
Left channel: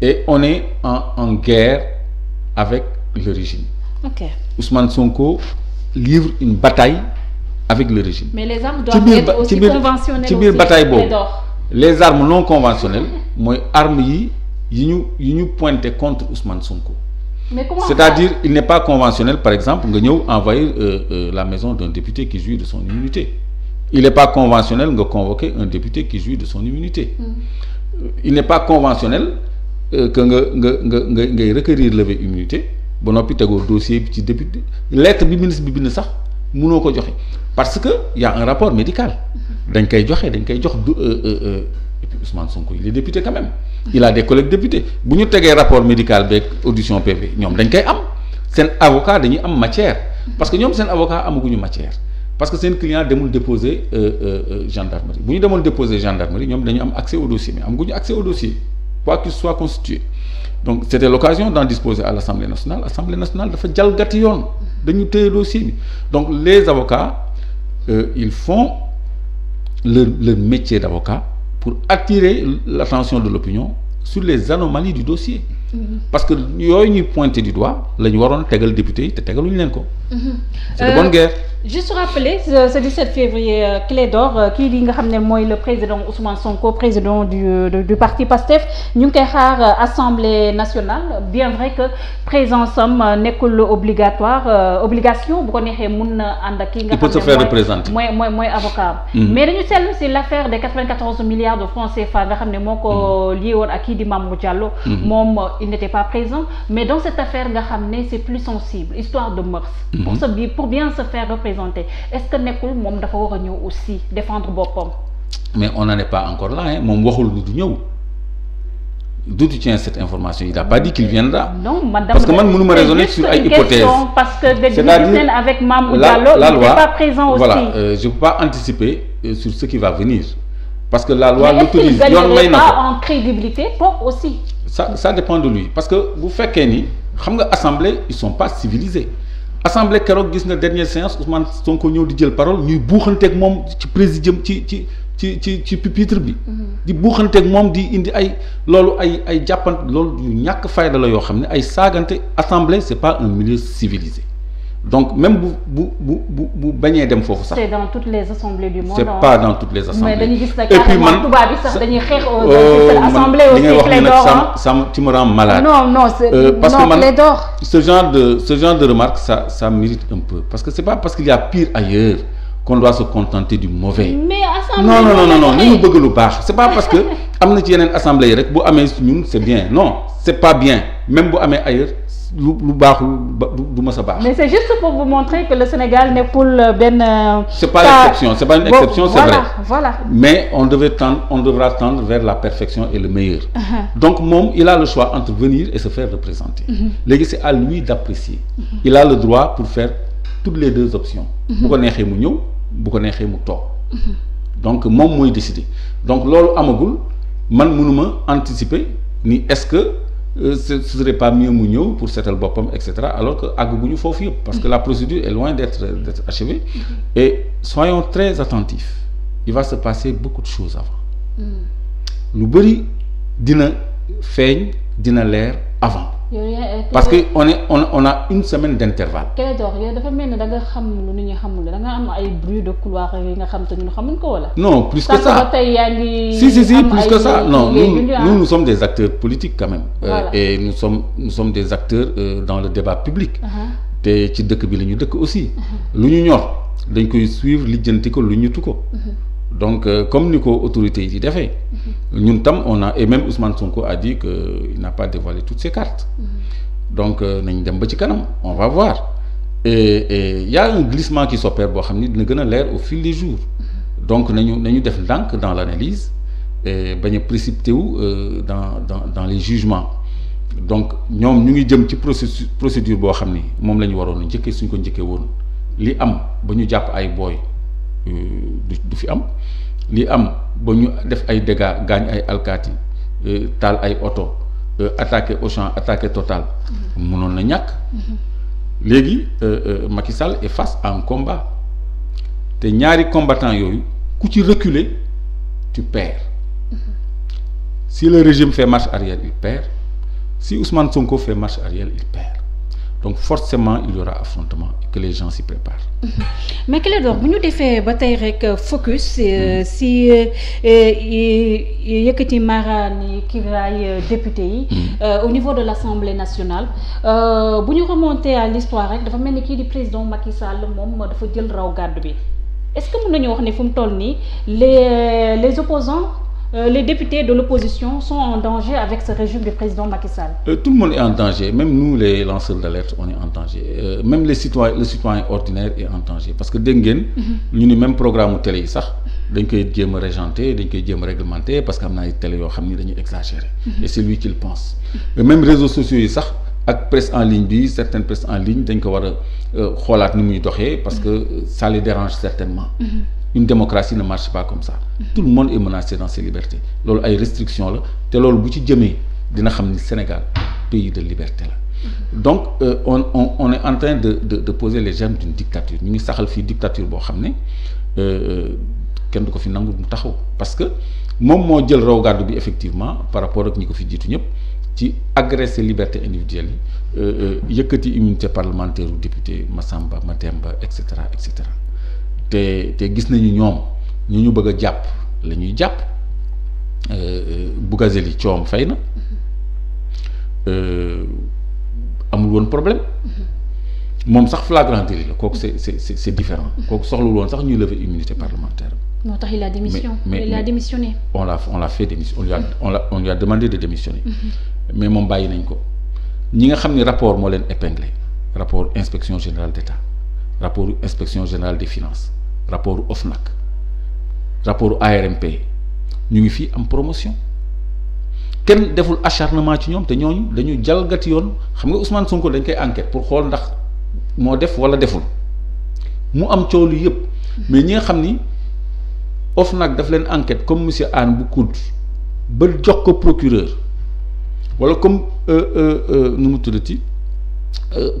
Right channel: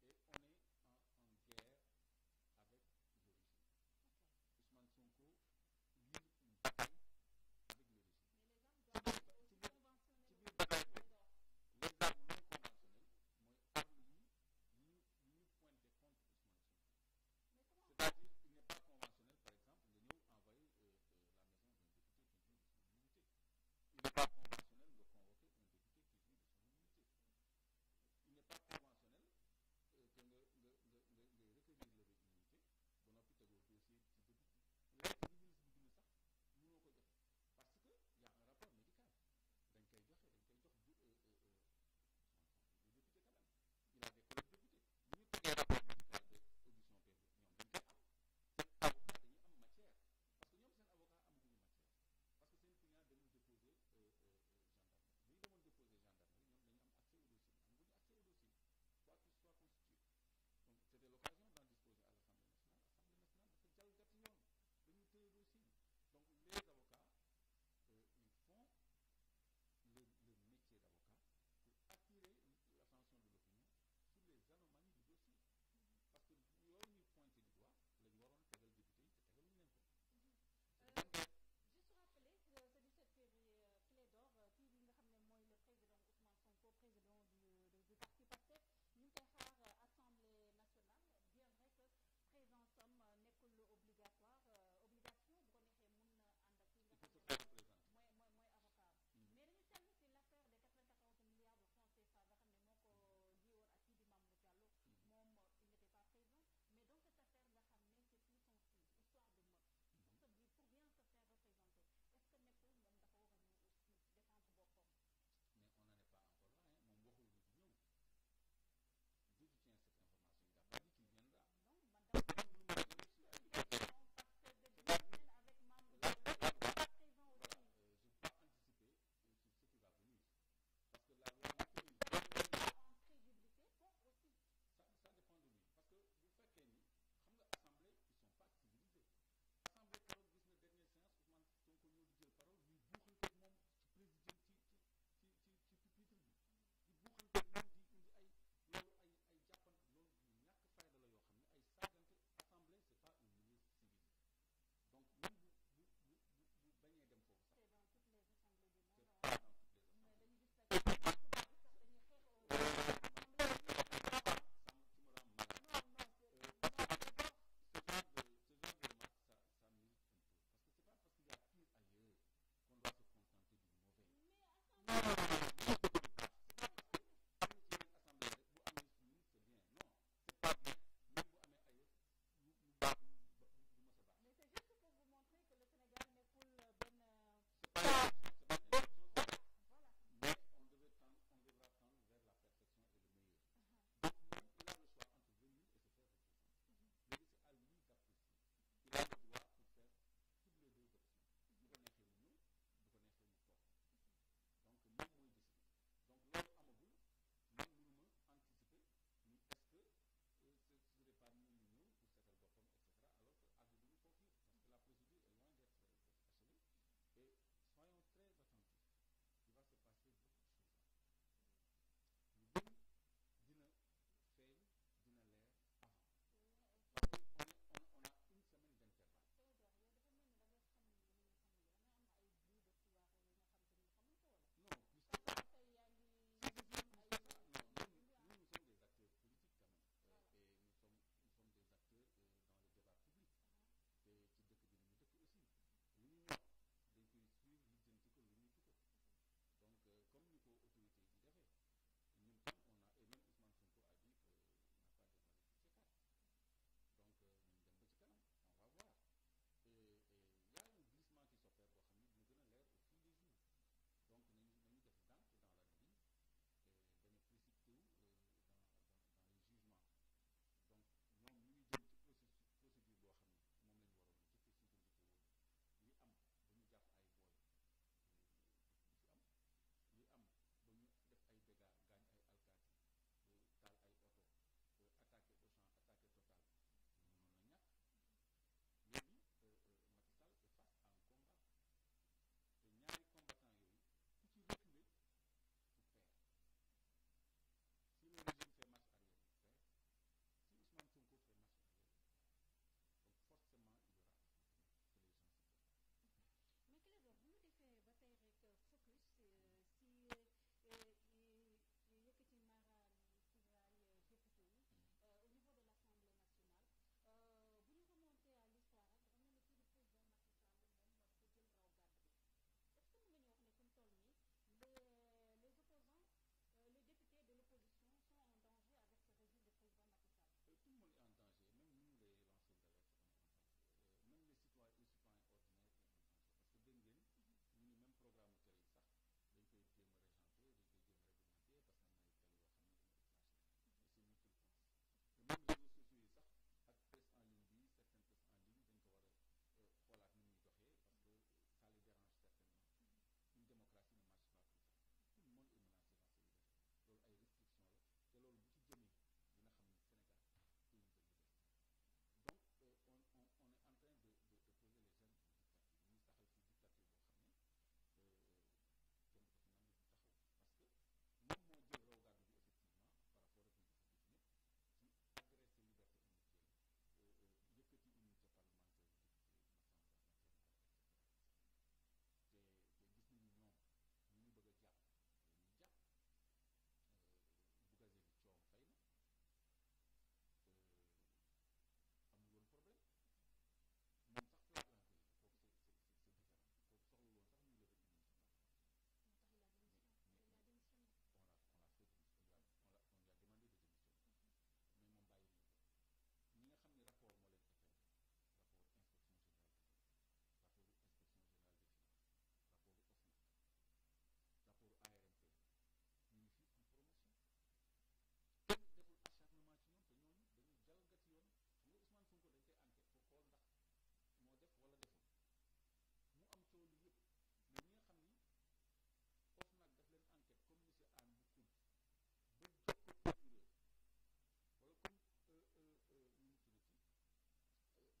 et on est en guerre avec le régime. Ok. Ousmane Sonko livre une bataille avec le régime. Mais les armes doivent être aussi conventionnelles aussi. ci biir bataille boobu les armes non conventionnelles mooy armes yi ñu pointé contre Ousmane Sonko. Mais comment c'est-à-dire il n'est pas conventionnel par exemple nga ñëw envahir la maison d'un député qui jouit de son immunité. Il n'est pas conventionnel nga convoquer un député qui jouit de son immunité. Il n'est pas conventionnel que ngay requérir lever immunité ba noppi tegoo dossier bi ci député lettre bi ministre bi bind sax mënoo ko joxe parce que y a un rapport médical dañ koy jox et puis Ousmane Sonko il est député quand même il a des collègues députés bu ñu tegee rapport médical beeg audition PV ñoom dañ koy am seen avocat dañuy am matière parce que ñoom seen avocat amaguñu matière parce que seen client demul déposer gendarmerie bu ñu demoon déposer gendarmerie ñoom dañu am accès au dossier mais amaguñu accès au dossier quoi qu'il soit constitué donc c'était l'occasion d'en disposer à l'Assemblée nationale dafa jalgati yoon dañu téye dossier bi donc les avocats ils font leur métier d'avocat pour attirer l'attention de l'opinion sur les anomalies du dossier parce que yooyu ñuy pointer du doigt la ñu waroon tegal député yi te tegaluñu leen ko c'est de bonne guerre. Juste rappeler ce 17 février Clédor kii di nga xam ne mooy le président Ousmane Sonko président du parti PASTEF ñu ngi koy xaar assemblée nationale bien vrai que présence am nekkul obligation bu ko neexee mun na ànd ak kii nga xam ne mooy avocat mais dañu seetlu si l'affaire des 94 milliards de francs CFA nga xam ne moo ko lié woon ak kii di Mamour Diallo moom il n'était pas présent mais dans cette affaire nga xam ne c'est plus sensible histoire de mœurs pour bien se faire représenter est-ce que nekkul moom dafa war a ñëw aussi défendre boppam. mais on n'en est pas encore là hein moom waxul du ñëw d'où tu tiens cette information il n'a pas dit qu'il viendra. non parce que man mënuma raisonner sur ay hypothèses parce que c'est-à-dire avec Mamour Diallo il n'était pas présent aussi. voilà je peux pas anticiper sur ce qui va venir parce que la loi l'autorise yoon may na ko pas en crédibilité pour aussi. ça dépend de lui parce que bu fekkee ni xam nga assemblée ils sont pas civilisés. assemblée keroog gis nga dernière séance Ousmane Sonko ñëw di jël parole ñuy buuxanteeg moom ci présidium ci pupitre bi. di buuxanteeg moom di indi loolu ay jàppante loolu yu ñàkk fayda la yoo xam ne ay saagante assemblée c'est pas un milieu civilisé donc même bu bañee dem foofu sax. c'est dans toutes les assemblées du monde. c'est pas dans toutes les assemblées. mais dañuy gis ne carrément tubaab bi sax dañuy xeex assemblée aussi. Clédor tu me rends malade. non parce que man Clédor. ce genre de remarque ça mérite un peu parce que c'est pas parce qu'il y a pire ailleurs qu'on doit se contenter du mauvais. mais assemblée non ni mu bëgg lu baax c'est pas parce que am na ci yeneen assemblée yi rek bu amee ñun c'est bien non c'est pas bien même bu amee ailleurs. lu baaxul du ma sa baax. mais c'est juste pour vous montrer que le Sénégal nekkul benn. c'est pas l'exception c'est pas une exception c'est vrai. Voilà. mais on devra tendre vers la perfection et le meilleur. Donc moom il a le choix entre venir et se faire représenter. Léegi c'est à lui d'apprécier. Il a le droit pour faire toutes les deux options. bu ko neexee mu ñëw bu ko neexee mu toog. donc moom mooy décider donc loolu amagul man mënuma anticiper ni est-ce que. Ce serait pas mieux mu ñëw pour seetal boppam et cetera alors que àgguñu foofu yëpp parce que la procédure est loin d'être achevée et soyons très attentifs il va se passer beaucoup de choses avant lu bari dina feeñ dina leer avant parce que on a une semaine d'intervalle. Clédor yow dafa mel ni da nga xam lu nit ñi xamul da nga am ay bruit de couloir yi nga xam te ñun xamuñ ko wala. non plus que ça ba tey yaa ngi. si plus que ça non nous sommes des acteurs politiques quand même. Et nous sommes des acteurs dans le débat public. te ci dëkk bi la ñu dëkk aussi. lu ñu ñor dañ koy suivre lijjanti ko lu ñutu ko. donc comme ni ko autorités yi di defee ñun tam on a et même Ousmane Sonko a dit que il n'a pas dévoilé toutes ses cartes donc nañ dem ba ci kanam on va voir et y a un glissement qui s'opère boo xam ni dina gën a leer au fil des jours donc nañu def ndànk dans l'analyse et bañ a précipité wu dans les jugements donc ñoom ñu ngi jëm ci procédure boo xam ni moom la ñu waroon a njëkkee suñ ko njëkkee woon li am ba ñu jàpp ay booy du fi am li am ba ñu def ay dégâts gaañ ay alkaati taal ay oto attaqué Auchan attaqué Total mënoon na ñàkk léegi Macky Sall est face à un combat te ñaari combattants yooyu ku ci reculer tu perds si le régime fait marche arrière il perd si Ousmane Sonko fait marche arrière il perd donc forcément il y aura affrontement et que les gens s'y préparent. mais Clédor bu ñu defee ba tey rek focus si yëkkati maraani kiraay député yi au niveau de l'Assemblée nationale bu ñu remonter à l'histoire rek dafa mel ni kii di président Macky Sall moom dafa jël raw gàddu bi est-ce que mën nañu wax ne fu mu toll nii les opposants les députés de l'opposition sont en danger avec ce régime du président Macky Sall. Tout le monde est en danger, même nous les lanceurs d'alerte on est en danger, même le citoyen ordinaire est en danger parce que dégg ngeen ñu ni même programme télé yi sax dañ koy jéem a régenter dañ koy jéem a réglementer parce que am na ay télé yoo xam ni dañuy exagérer et c'est lui qui le pense. Même réseaux sociaux yi sax ak presse en ligne bi certaines presse en ligne dañ ko war a xoolaat ni muy doxee parce que ça les dérange certainement. Une démocratie ne marche pas comme ça. Tout le monde est menacé dans ses libertés loolu ay restrictions la te loolu bu ci jëmee dina xam ni Sénégal pays de liberté la. Donc on est en train de poser les germes d'une dictature ñu ngi saxal fii dictature boo xam ne kenn du ko fi nangu mu taxaw parce que moom moo jël raw gàddu bi effectivement par rapport ak ñi ko fi jiitu ñëpp ci agresser liberté individuelle yi yëkkati immunité parlementaire u député Massamba Mademba et cetera et cetera. te gis nañu ñoom ñu bëgg a jàpp la ñuy jàpp Bougazelli coom fay na amul woon problème moom sax flagrant délit la kooku c'est différent kooku soxlul woon sax ñuy lever immunité parlementaire. moo tax il a démissionné. On l'a fait démissionner on lui a demandé de démissionner. Mais moom bàyyi nañ ko ñi nga xam ni rapport moo leen épinglé rapport inspection générale d'État rapport inspection générale des finances rapport OFNAC rapport ARMP ñu ngi fii am promotion kenn deful acharnement ci ñoom te ñooñu dañu jalgati yoon xam nga Ousmane Sonko dañ koy enquête pour xool ndax moo def wala deful mu am coow lu yëpp mais ñi nga xam ni OFNAC daf leen enquête comme monsieur Anne bu COUD ba jox ko procureur wala comme nu mu tuddati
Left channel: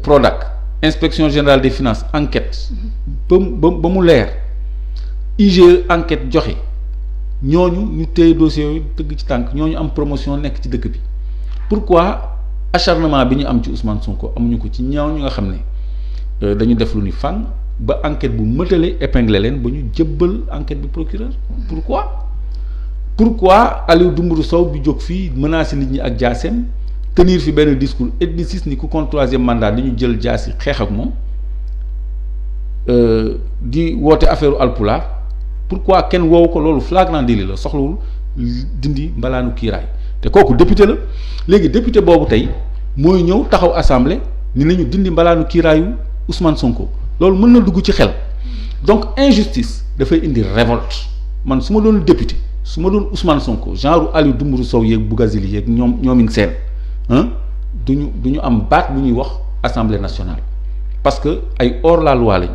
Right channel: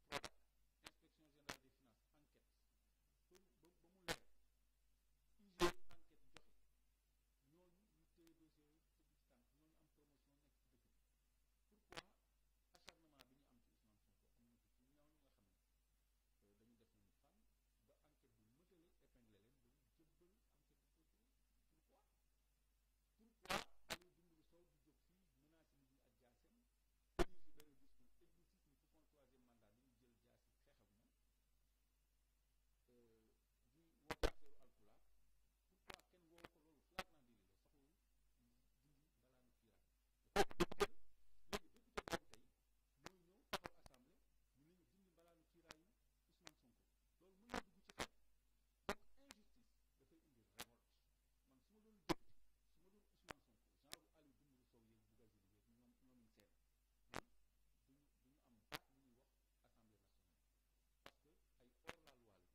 Prodac inspection générale des finances enquête ba mu leer IGE enquête joxe ñooñu ñu téye dossier yooyu tëgg ci tànk ñooñu am promotion nekk ci dëkk bi pourquoi acharnement bi ñu am ci Ousmane Sonko amuñu ko ci ñaaw ñu nga xam ne dañu def lu ni fànn ba enquête bu mëtale épinglé leen ba ñu jëbbal enquête bi procureur pourquoi Aliou Dembourou Sow bi jóg fii menacer nit ñi ak jaaseem tenir fi benn discours ethniciste ni ku contre troisième mandat dañu jël jaasi xeex ak moom di woote affaire alpulaar pourquoi kenn woowu ko loolu flagrant délit la soxlawul dindi mbalaanu kiiraay te kooku député la léegi député boobu tey mooy ñëw taxaw assemblée ni nañu dindi mbalaanu kiiraayu Ousmane Sonko loolu mën na dugg ci xel donc injustice dafay indi révolte man su ma doon député su ma doon Ousmane Sonko genre Aliou Dembourou Sow yeeg Bougazelli yeeg ñoomin seen duñu am baat bu ñuy wax assemblée nationale parce que ay hors la loi lañ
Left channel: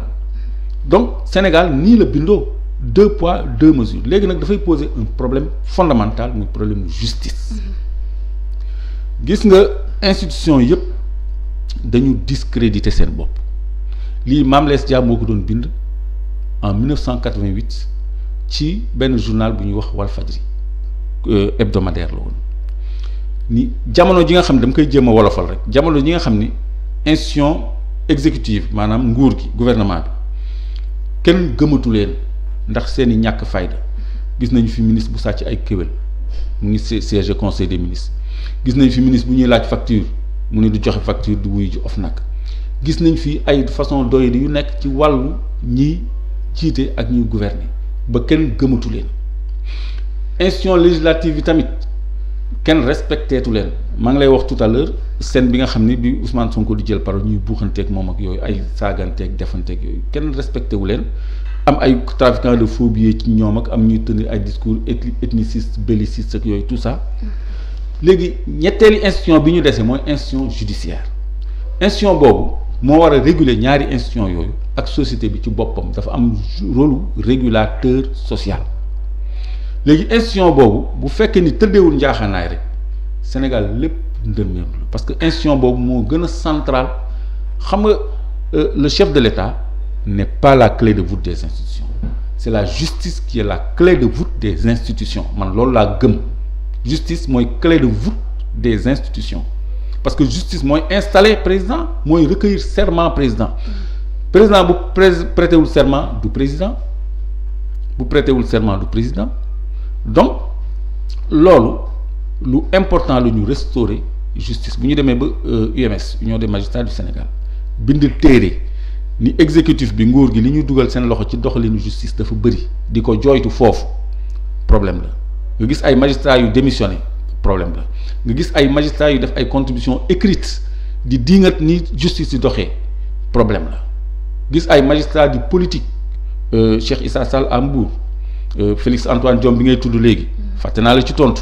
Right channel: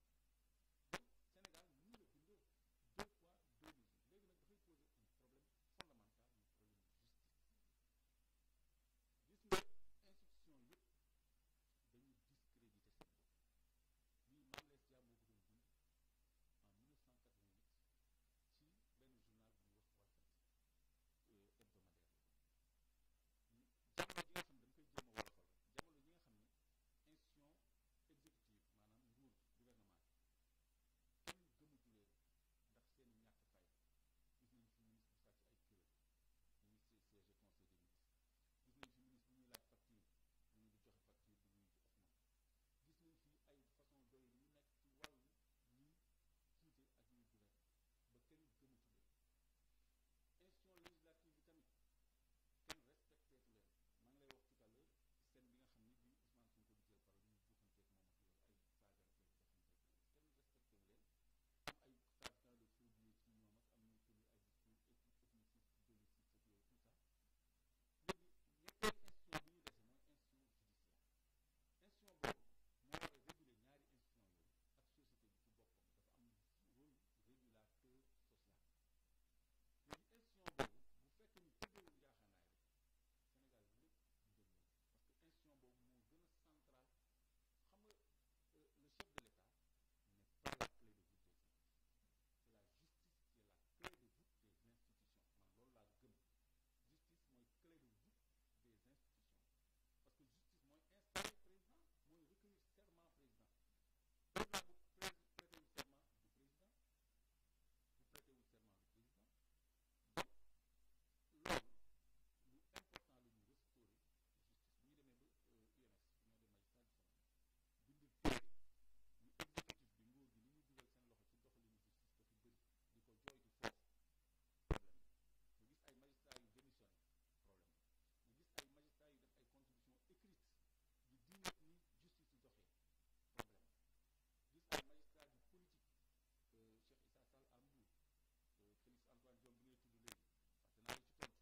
donc Sénégal nii la bindoo 2 poids 2 mesures léegi nag dafay poser un problème fondamental muy problème justice gis nga institution yëpp dañu discréditer seen bopp lii Mame Less Dia moo ko doon bind en 1988 ci benn journal bu ñuy wax Walfadjri hebdomadaire la woon ni jamono ji nga xam ne dama koy jéem a wolofal rek jamono ji nga xam ni institution exécutive maanaam nguur gi gouvernement bi kenn gëmatu leen ndax seeni ñàkk fayda gis nañu fi ministre bu sàcc ay kéwél mu ngi siège conseil des ministres gis nañ fi ministre bu ñuy laaj facture mu ne du joxe facture du wuyu ji OFNAC gis nañ fi ay façon doyadi yu nekk ci wàllu ñiy jiite ak ñuy gouverner ba kenn gëmatu leen institution législative yi tamit kenn respecteetu leen maa ngi lay wax tout à l'heure scène bi nga xam ni bi Ousmane Sonko di jël parole ñuy buuxanteeg moom ak yooyu ay saaganteeg defanteeg yooyu kenn respecté wu leen am ay trafiquants de faux billets ci ñoom ak am ñuy tenir ay discours ethniciste belliciste ak yooyu tout ça léegi ñetteeli institution bi ñu dese mooy institution judiciaire institution boobu moo war a réguler ñaari institution yooyu ak société bi ci boppam dafa am rôle régulateur social léegi institution boobu bu fekkee ni tëddeewul njaaxaanaay rek Sénégal lépp ndërmeelu parce que institution boobu moo gën a central xam nga le chef de l'État n'est pas la clé de voûte des institutions c'est la justice qui est la clé de voûte des institutions man loolu laa gëm justice mooy clé de voûte des institutions parce que justice mooy installer président mooy recueillir serment président bu prêtewul serment du président bu prêtewul serment du président donc loolu lu important la ñu restaurer justice bu ñu demee ba UMS Union des magistrats du Sénégal bind téere ni exécutif bi nguur gi li ñu dugal seen loxo ci doxalinu justice dafa bëri di ko jooytu foofu problème la nga gis ay magistrats yu démissionné problème la nga gis ay magistrats yu def ay contributions écrites di diingat ni justice di doxee problème la gis ay magistrats di politique Cheikh Issa Sall à Mbour Félix Antoine Diome bi ngay tudd léegi fàtte naa la ci tontu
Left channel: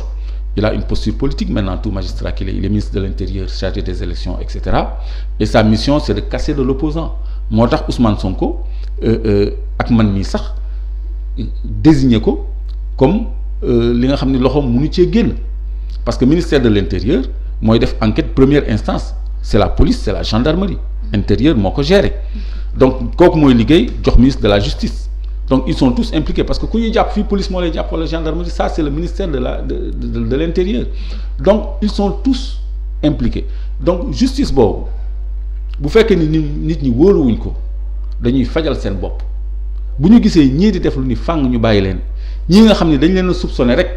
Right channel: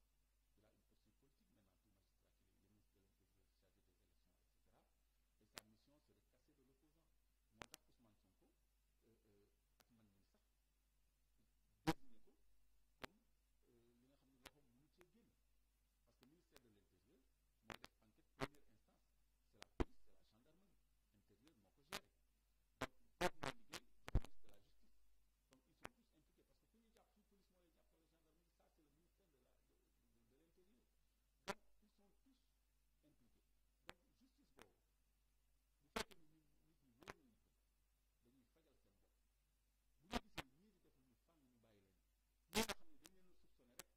il a une posture politique maintenant tout magistrat qu'il est il est ministre de l'intérieur chargé des élections et cetera et sa mission c'est de casser de l'opposant moo tax Ousmane Sonko ak man mii sax désigné ko comme li nga xam ne loxoom mënu cee génn parce que ministère de l'intérieur mooy def enquête première instance c'est la police c'est la gendarmerie intérieur moo ko gérer donc kooku mooy liggéey jox ministre de la justice donc ils sont tous impliqués parce que ku ñuy jàpp fii police moo lay jàpp wala gendarmerie ça c'est le ministère de l'intérieur donc ils sont tous impliqués donc justice boobu bu fekkee ni nit ñi wóoruwuñ ko dañuy fajal seen bopp bu ñu gisee ñii di def lu ni fàng ñu bàyyi leen ñii nga xam ne dañ leen a soupçonné rek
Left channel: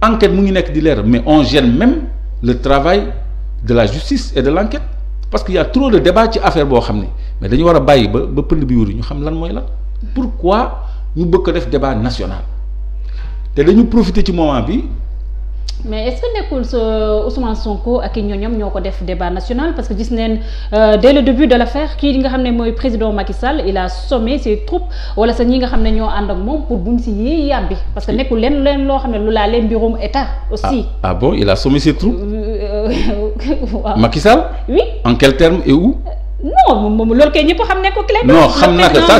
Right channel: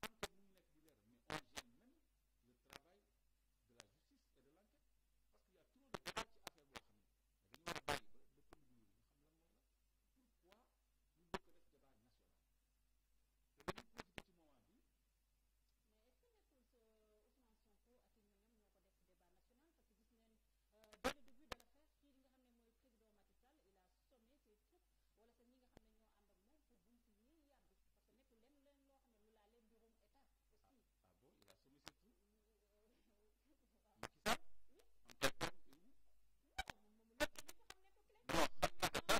enquête mu ngi nekk di leer mais on gêne même le travail de la justice et de l'enquête parce qu'il y a trop de débat ci affaire boo xam ne mais dañu war a bàyyi ba pënd bi wuri ñu xam lan mooy lan pourquoi ñu bëgg ko def débat national te dañu profiter ci moment bi. mais est-ce que nekkul sa Ousmane Sonko ak i ñoñom ñoo ko def débat national parce que gis neen dès le début de l'affaire kii nga xam ne mooy président Macky Sall il a sommé ses troupes wala sa ñi nga xam ne ñoo ànd ak moom pour buñ si yee yàbbi parce que nekkul leen loo xam ne lu laa leen mbirum état aussi. Ah bon il a sommé ses troupes. waaw Macky Sall. oui en quel terme et où. non moom loolu kay ñëpp xam ne ko clair. non xam naa que ça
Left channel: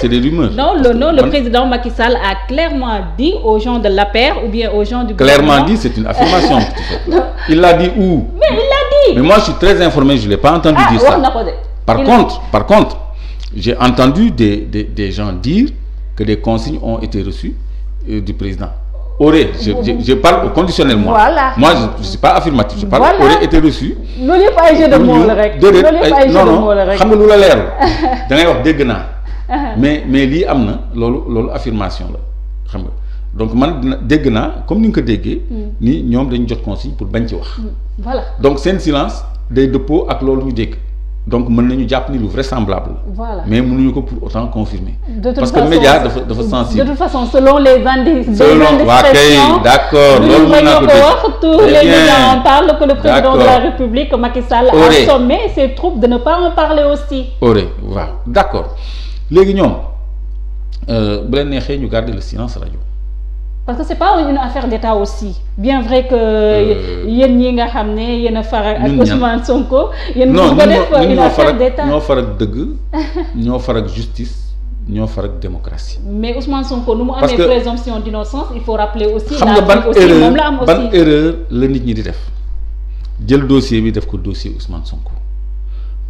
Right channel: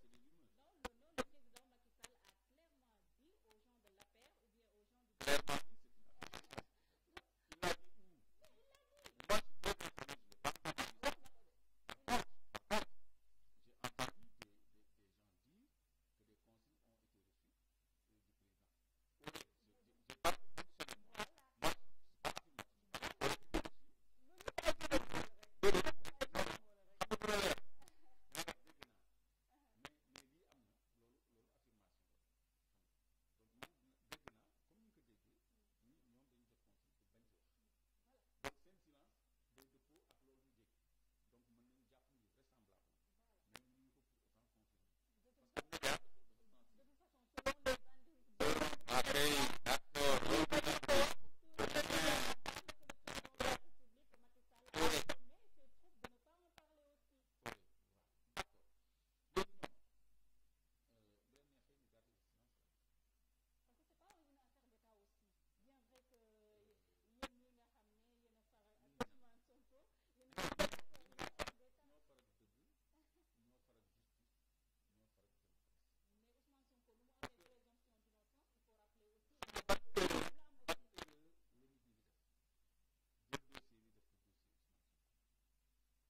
c'est des rumeurs. non le président Macky Sall a clairement dit aux gens de l'APR ou bien aux gens du gouvernement. Clairement dit c'est une affirmation. Il l'a dit où? Mais il l'a dit. Mais moi je suis très informé je l'ai pas entendu dire ça. Par contre j'ai entendu des gens dire que des consignes ont été reçues du président. Je parle au conditionnel moi. Voilà. Moi je suis pas affirmatif. Je parle aurait été reçu. loolu yëpp ay jeu de mots la rek. loolu yëpp ay jeu de mots la rek. xam nga lu la leerul. da ngay wax dégg naa. mais lii am na loolu affirmation la xam nga donc man dégg naa comme ni nga ko déggee. ni ñoom dañu jot consigne pour bañ ci wax. voilà donc seen silence day dëppoo ak loolu ñu dégg. donc mën nañu jàpp ni lu vraisemblable la. voilà mais mënuñu ko pour autant confirmer. parce que média dafa sensible. de toute façon selon les indices. waa kay d'accord loolu mën naa ko dégg tous les médias en parlent que le président de la République Macky Sall a sommé ses troupes de ne pas en parler aussi. waaw d'accord léegi ñoom bu leen neexee ñu garder le silence radio. parce que c'est pas une affaire d'État aussi bien vrai que yéen ñi nga xam ne yéen a faral ak Ousmane Sonko. yéen ñu ko def une affaire d'État ñoo far ak dëgg ñoo far ak justice ñoo far ak démocratie. mais Ousmane Sonko nu mu amee présomption d'innocence il faut rappeler aussi. xam nga ban erreur la nit ñi di def jël dossier bi def ko dossier Ousmane Sonko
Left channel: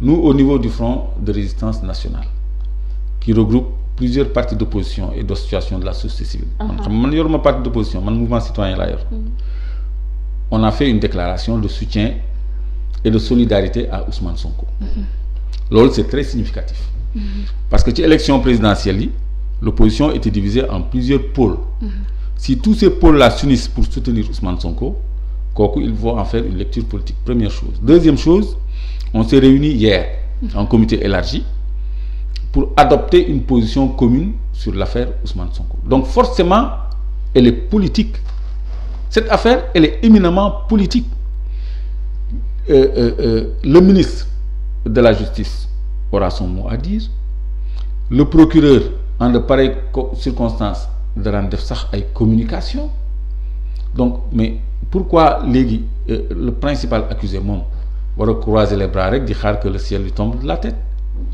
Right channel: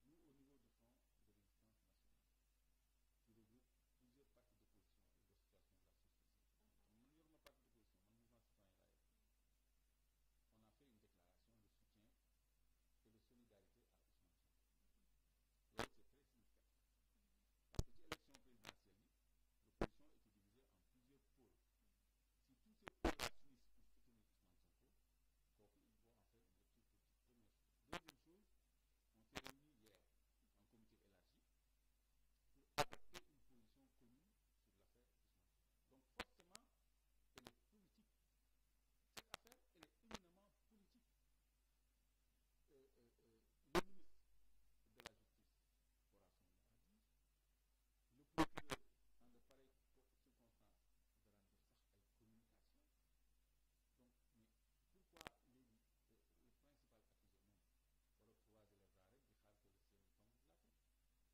nous au niveau du Front de résistance nationale qui regroupe plusieurs partis d'opposition et d'associations de la société civile. man yoruma parti d'opposition man mouvement citoyen laa yor. On a fait une déclaration de soutien et de solidarité à Ousmane Sonko. loolu c'est très significatif. parce que ci élection présidentielle yi l'opposition était divisée en plusieurs pôles. Si tous ces pôles-là s'unissent pour soutenir Ousmane Sonko kooku il faut en faire une lecture politique première chose. Deuxième chose on s'est réunis hier en comité élargi pour adopter une position commune sur l'affaire Ousmane Sonko. Donc forcément, elle est politique. Cette affaire, elle est éminemment politique. Le ministre de la Justice aura son mot à dire. Le procureur, en de pareilles circonstances, dara def sax ay communication. Donc, mais pourquoi léegi le principal accusé moom war a croiser les bras rek di xaar que le ciel lui tombe de la tête?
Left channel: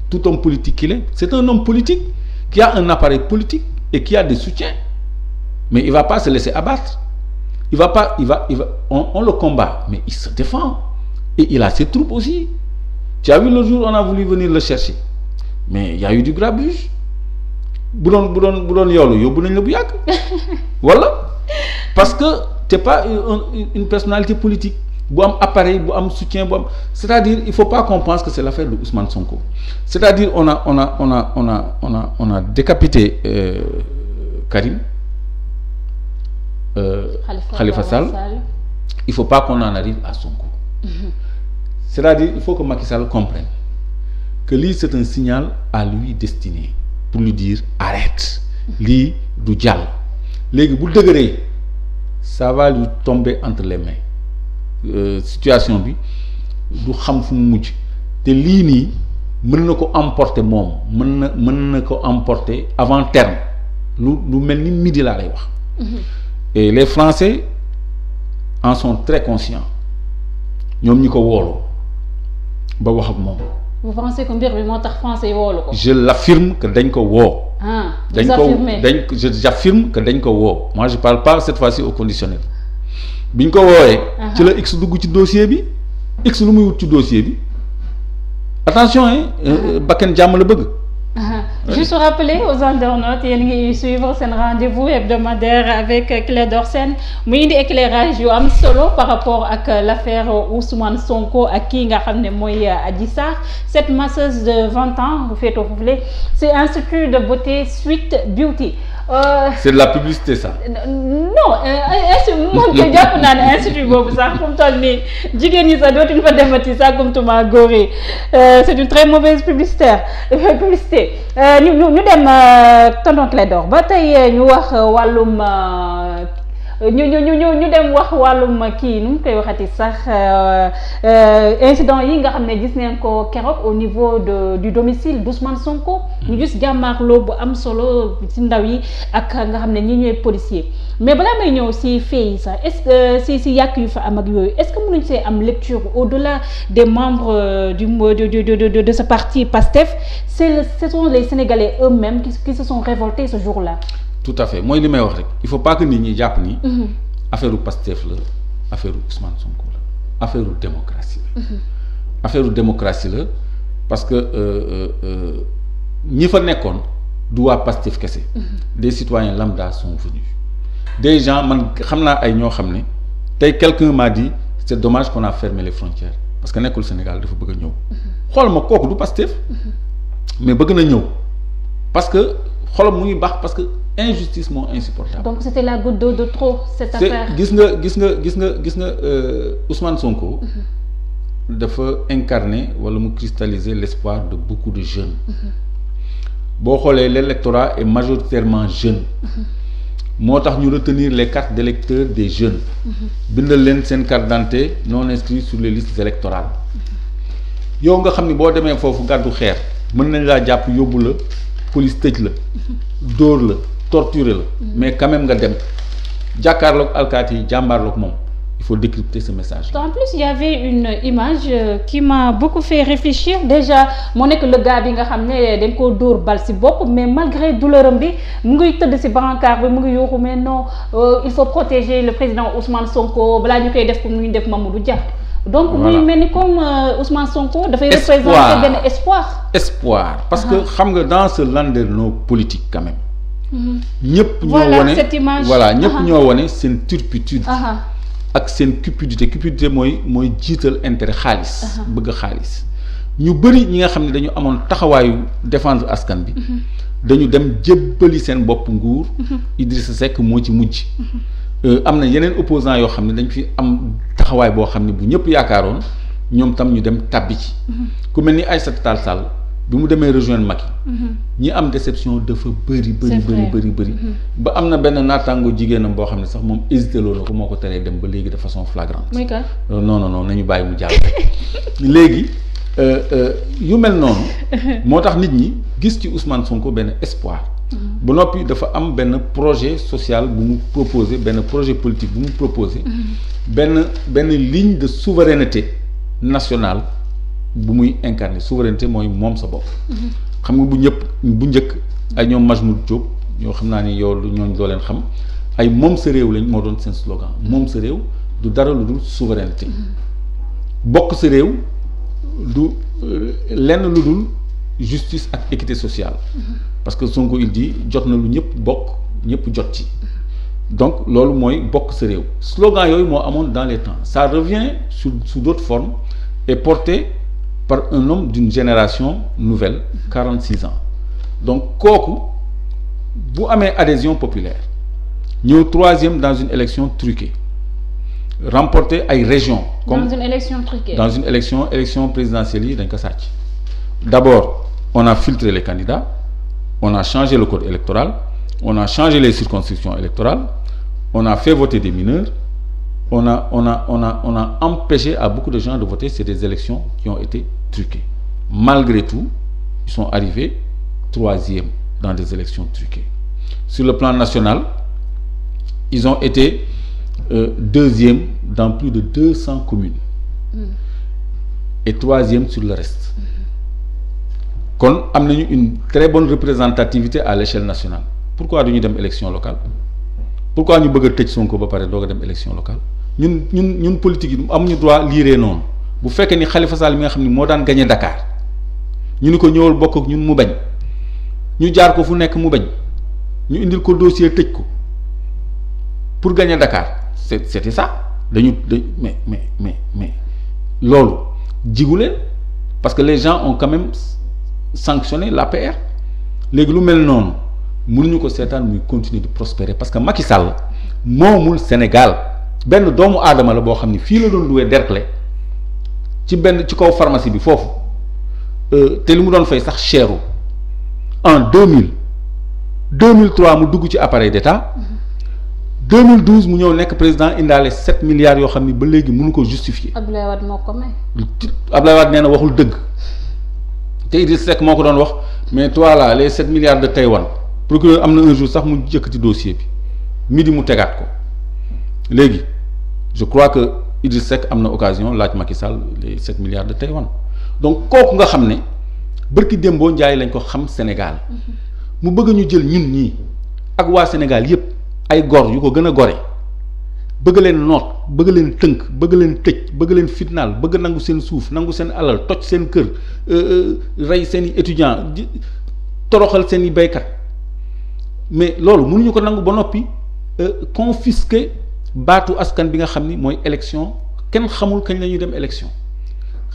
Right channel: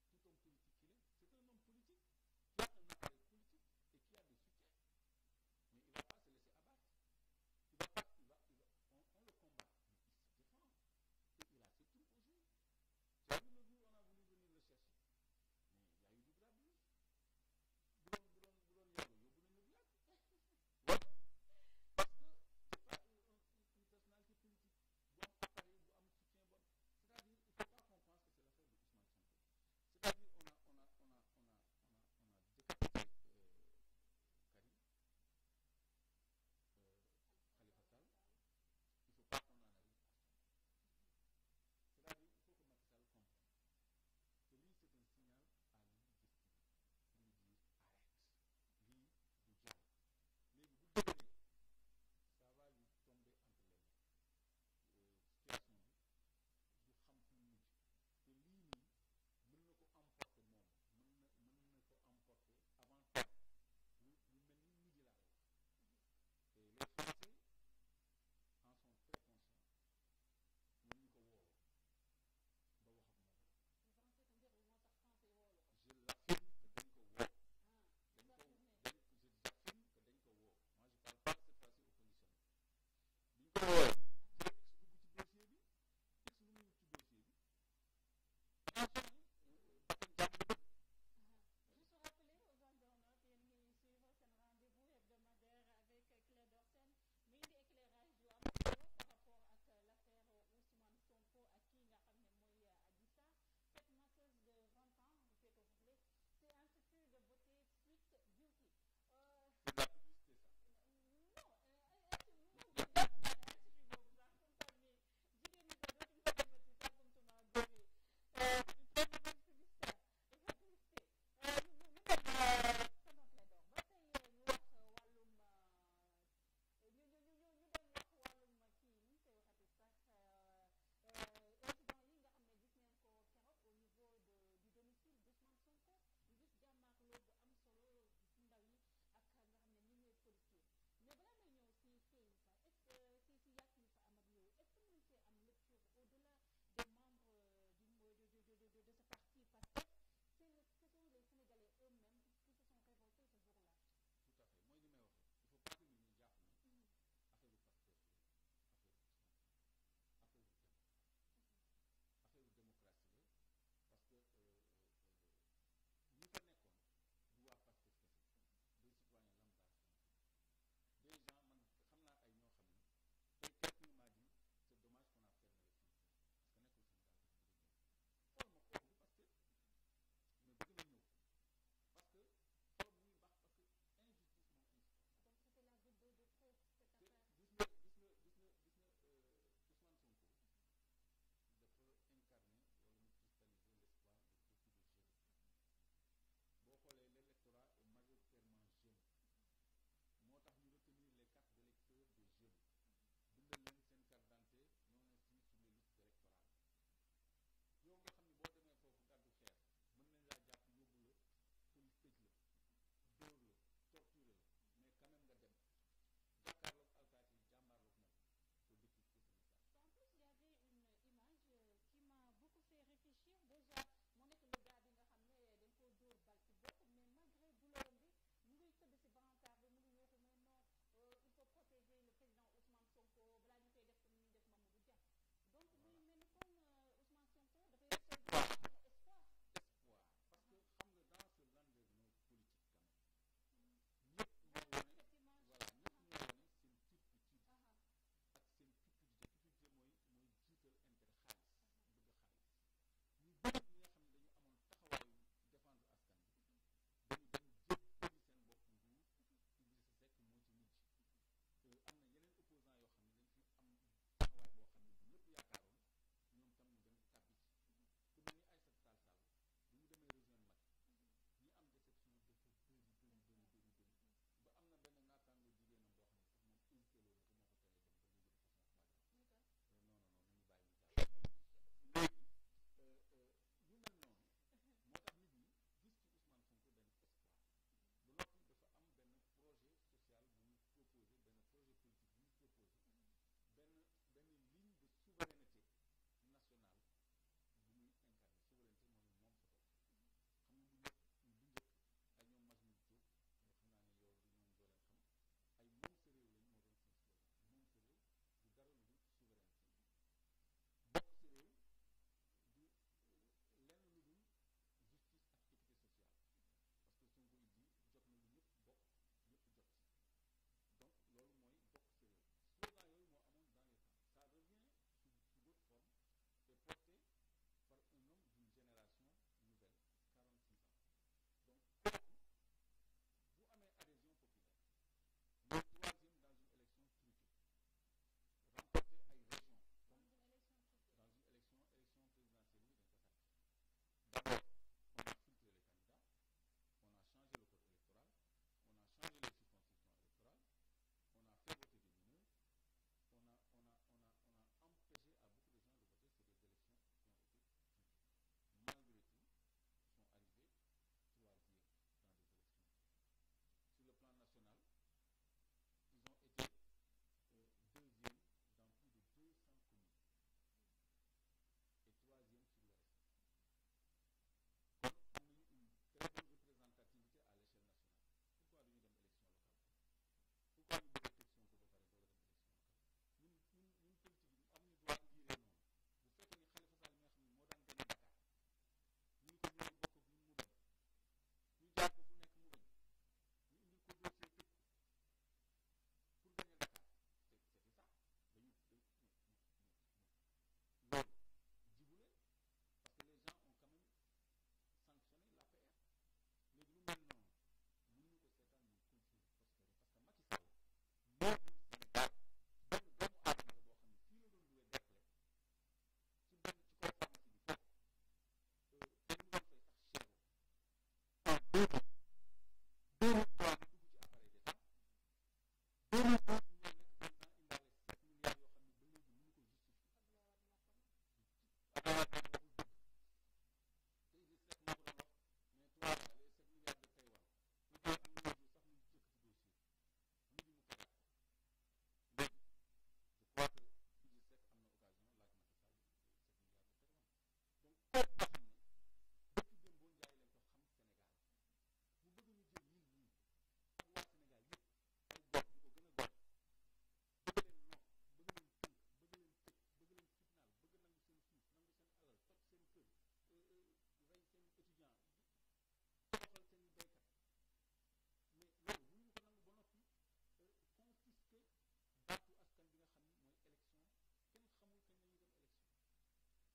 Tout homme politique qu'il est, c'est un homme politique qui a un appareil politique et qui a des soutiens. Mais il va pas se laisser abattre. On le combat, mais il se défend. Et il a ses troupes aussi. Tu as vu le jour où on a voulu venir le chercher. Mais il y a eu du grabuge. bu doon yoolu yóbbu nañ la bu yàgg. Voilà. Parce que t'es pas une personnalité politique. bu am appareil bu am soutien bu am c'est-à-dire il faut pas qu'on pense que c'est l'affaire de Ousmane Sonko. C'est-à-dire on a décapité Karim Khalifa Sall. Il faut pas qu'on en arrive à Sonko. C'est-à-dire il faut que Macky Sall comprenne que lii c'est un signal à lui destiné pour lui dire arrête lii du jàll léegi bu dëgëree ça va lui tomber entre les mains situation bi du xam fu mu mujj te lii nii mën na ko emporter moom mën na ko emporter avant terme lu mel ni midi laa lay wax. Et les Français en sont très conscients ñoom ñi ko woolu ba wax ak moom. Vous pensez que mbir bi moo tax français yi woolu ko. Je l'affirme que dañ ko woo. J'affirme que dañ ko woo. Moi je parle pas cette fois-ci au conditionnel. biñ ko woowee. ci la X dugg ci dossier bi. X lu muy wut ci dossier bi attention bakken jàmm la bëgg. Juste rappeler aux internautes yéen ngi suivre seen rendez-vous hebdomadaire avec Clédor Sène muy indi éclairage yu am solo par rapport ak l'affaire Ousmane Sonko ak kii nga xam ne mooy Adji Sarr cette masseuse de 20 ans bu féetoo foofule c'est institut de beauté Sweet Beauty. C'est de la publicité ça. Non moom ko jàpp naa ne institut boobu sax fu mu toll nii jigéen ñi sax dootuñu fa defati sax comme tuma góor yi c'est une très mauvaise publicité ñu dem tonton Clédor ba tey ñu wax wàllum ñu dem wax wàllum kii nu mu koy waxati sax incident yi nga xam ne gis neen ko keroog au niveau du domicile d'Ousmane Sonko. ñu gis jàmmaarloo bu am solo ci ndaw yi ak nga xam ne ñi ñooy policier mais balaa may ñëw si fee yi sax est-ce que si yàq yu fa am ak yooyu est-ce que mënuñ see am lecture au-delà des membres de ce parti PASTEF ce sont les Sénégalais eux-mêmes qui se sont révoltés ce jour-là. Tout à fait mooy li may wax rek il faut pas que nit ñi jàpp ni. affaire u Pastef la affaire u Ousmane Sonko la affaire u démocratie la. affaire u démocratie la parce que ñi fa nekkoon du waa Pastef kese. des citoyens lambda sont venus des gens man xam naa ay ñoo xam ne tey quelqu'un m'a dit c'est dommage qu'on a fermé les frontières parce que nekkul Sénégal dafa bëgg a ñëw. xool ma kooku du Pastef. mais bëgg na ñëw parce que xolam mu ngi baax parce que. injustice moo insupportable. Donc c'était la goutte d'eau de trop cette affaire. gis nga Ousmane Sonko. dafa incarner wala mu cristalliser l'espoir de beaucoup de jeunes. boo xoolee l'électorat est majoritairement jeune. moo tax ñu retenir les cartes d'électeurs des jeunes. bindal leen seen carte d'identité non inscrits sur les listes électorales. yow nga xam ni boo demee foofu gàddu xeer mën nañ laa jàpp yóbbu la police tëj la. dóor la. torturer la mais quand même nga dem jàkkaarloog alkaati yi jàmbaarloog moom il faut décrypter ce message. En plus il y avait une image qui m'a beaucoup fait réfléchir déjà moo nekk le gars bi nga xam ne dañ koo dóor bal ci bopp mais malgré douleur am bi mu ngi tëdd ci brancard bi mu ngi yuuxu mais non il faut protéger le président Ousmane Sonko balaa ñu koy def comme nu ñu def Mamadou Dia. donc muy mel ni comme Ousmane Sonko dafay représenter benn espoir. parce que xam nga dans ce landerneau politique quand même. ñëpp ñoo wone ñëpp ñoo wone seen turpitude ak seen cupidité mooy jiital intérêt xaalis bëgg xaalis ñu bëri ñi nga xam ne dañu amoon taxawaayu défendre askan bi dañu dem jébbali seen bopp nguur Idrissa Seck moo ci mujj am na yeneen opposants yoo xam ne dañ fi am taxawaay boo xam ne bu ñëpp yaakaaroon ñoom tam ñu dem tàbbi ci ku mel ni Aïssata Tall Sall bi mu demee rejoindre Macky ñi am déception dafa bëri ba am na benn naataango jigéenam boo xam ne sax moom hésité loo na ko moo ko teree dem ba léegi de façon flagrante non nañu bàyyi mu jàll léegi yu mel noonu moo tax nit ñi gis ci Ousmane Sonko benn espoir ba noppi dafa am benn projet social bu mu proposé benn projet politique bu mu proposé benn ligne de souveraineté nationale bu muy incarner souveraineté mooy moom sa bopp. xam nga bu njëkk ay ñoom Majmout Diop ñoo xam naa ni yow ñooñu doo leen xam ay moom sa réew lañ moo doon seen slogan moom sa réew du dara lu dul souveraineté bokk sa réew du lenn lu dul justice ak équité sociale. parce que Sonko il dit jot na lu ñëpp bokk ñëpp jot ci. donc loolu mooy bokk sa réew slogan yooyu moo amoon dans les temps ça revient sous d'autres formes et porté par un homme d'une génération nouvelle 46 ans donc kooku bu amee adhésion populaire ñëw troisième dans une élection truquée remporté ay régions comme dans une élection truquée dans une élection présidentielle yi dañ ko sàcc d'abord on a filtré les candidats on a changé le code électoral on a changé les circonscriptions électorales on a fait voter des mineurs, on a empêché à beaucoup de gens de voter. C'est des élections qui ont été truquées. Malgré tout, ils sont arrivés 3e dans des élections truquées. Sur le plan national, ils ont été 2e dans plus de 200 communes et 3e sur le reste. kon am nañu une très bonne représentativité à l'échelle nationale. Pourquoi duñu dem élection locale? Pourquoi ñu bëgg a tëj Sonko ba pare doog a dem élection locale? ñun politique yi amuñu droit liiree noonu. Bu fekkee ni Khalifa Sall mi nga xam ni moo daan gagné Dakar ñu ni ko ñëwal bokk ak ñun mu bañ, ñu jaar ko fu nekk mu bañ, ñu indil ko dossier tëj ko pour gagner Dakar. C'était ça. Mais loolu jigu leen parce que les gens ont quand même sanctionné l'APR. léegi lu mel noonu mënuñu ko seetaan muy continuer de prospérer parce que Macky Sall moomul Sénégal. benn doomu aadama la boo xam ni fii la doon loué Derklé ci kaw pharmacie bi foofu te li mu doon fay sax cheru en 2003 mu dugg ci appareil d'État 2012 mu ñëw nekk président indaale 7 milliards yoo xam ni ba léegi mënu ko justifier. Abdoulaye Wade moo ko may. Abdoulaye Wade nee na waxul dëgg te Idriss Seck moo ko doon wax mais toi là les 7 milliards de Taïwan procureur am na un jour sax mu jëkkati dossier bi midi mu tegaat ko léegi je crois que Idriss Seck am na occasion laaj Macky Sall les 7 milliards de Taïwan donc kooku nga xam ne bërki démboo njaay lañ ko xam Sénégal mu bëgg ñu jël ñun ñii ak waa Sénégal yépp ay gor yu ko gën a gore bëgg leen noot bëgg leen tënk bëgg leen tëj bëgg leen fitnaal bëgg nangu seen suuf nangu seen alal toj seen kër rey seen i étudiants toroxal seen i béykat mais loolu mënuñu ko nangu ba noppi confisquer baatu askan bi nga xam ni mooy élection kenn xamul kañ la ñuy dem élection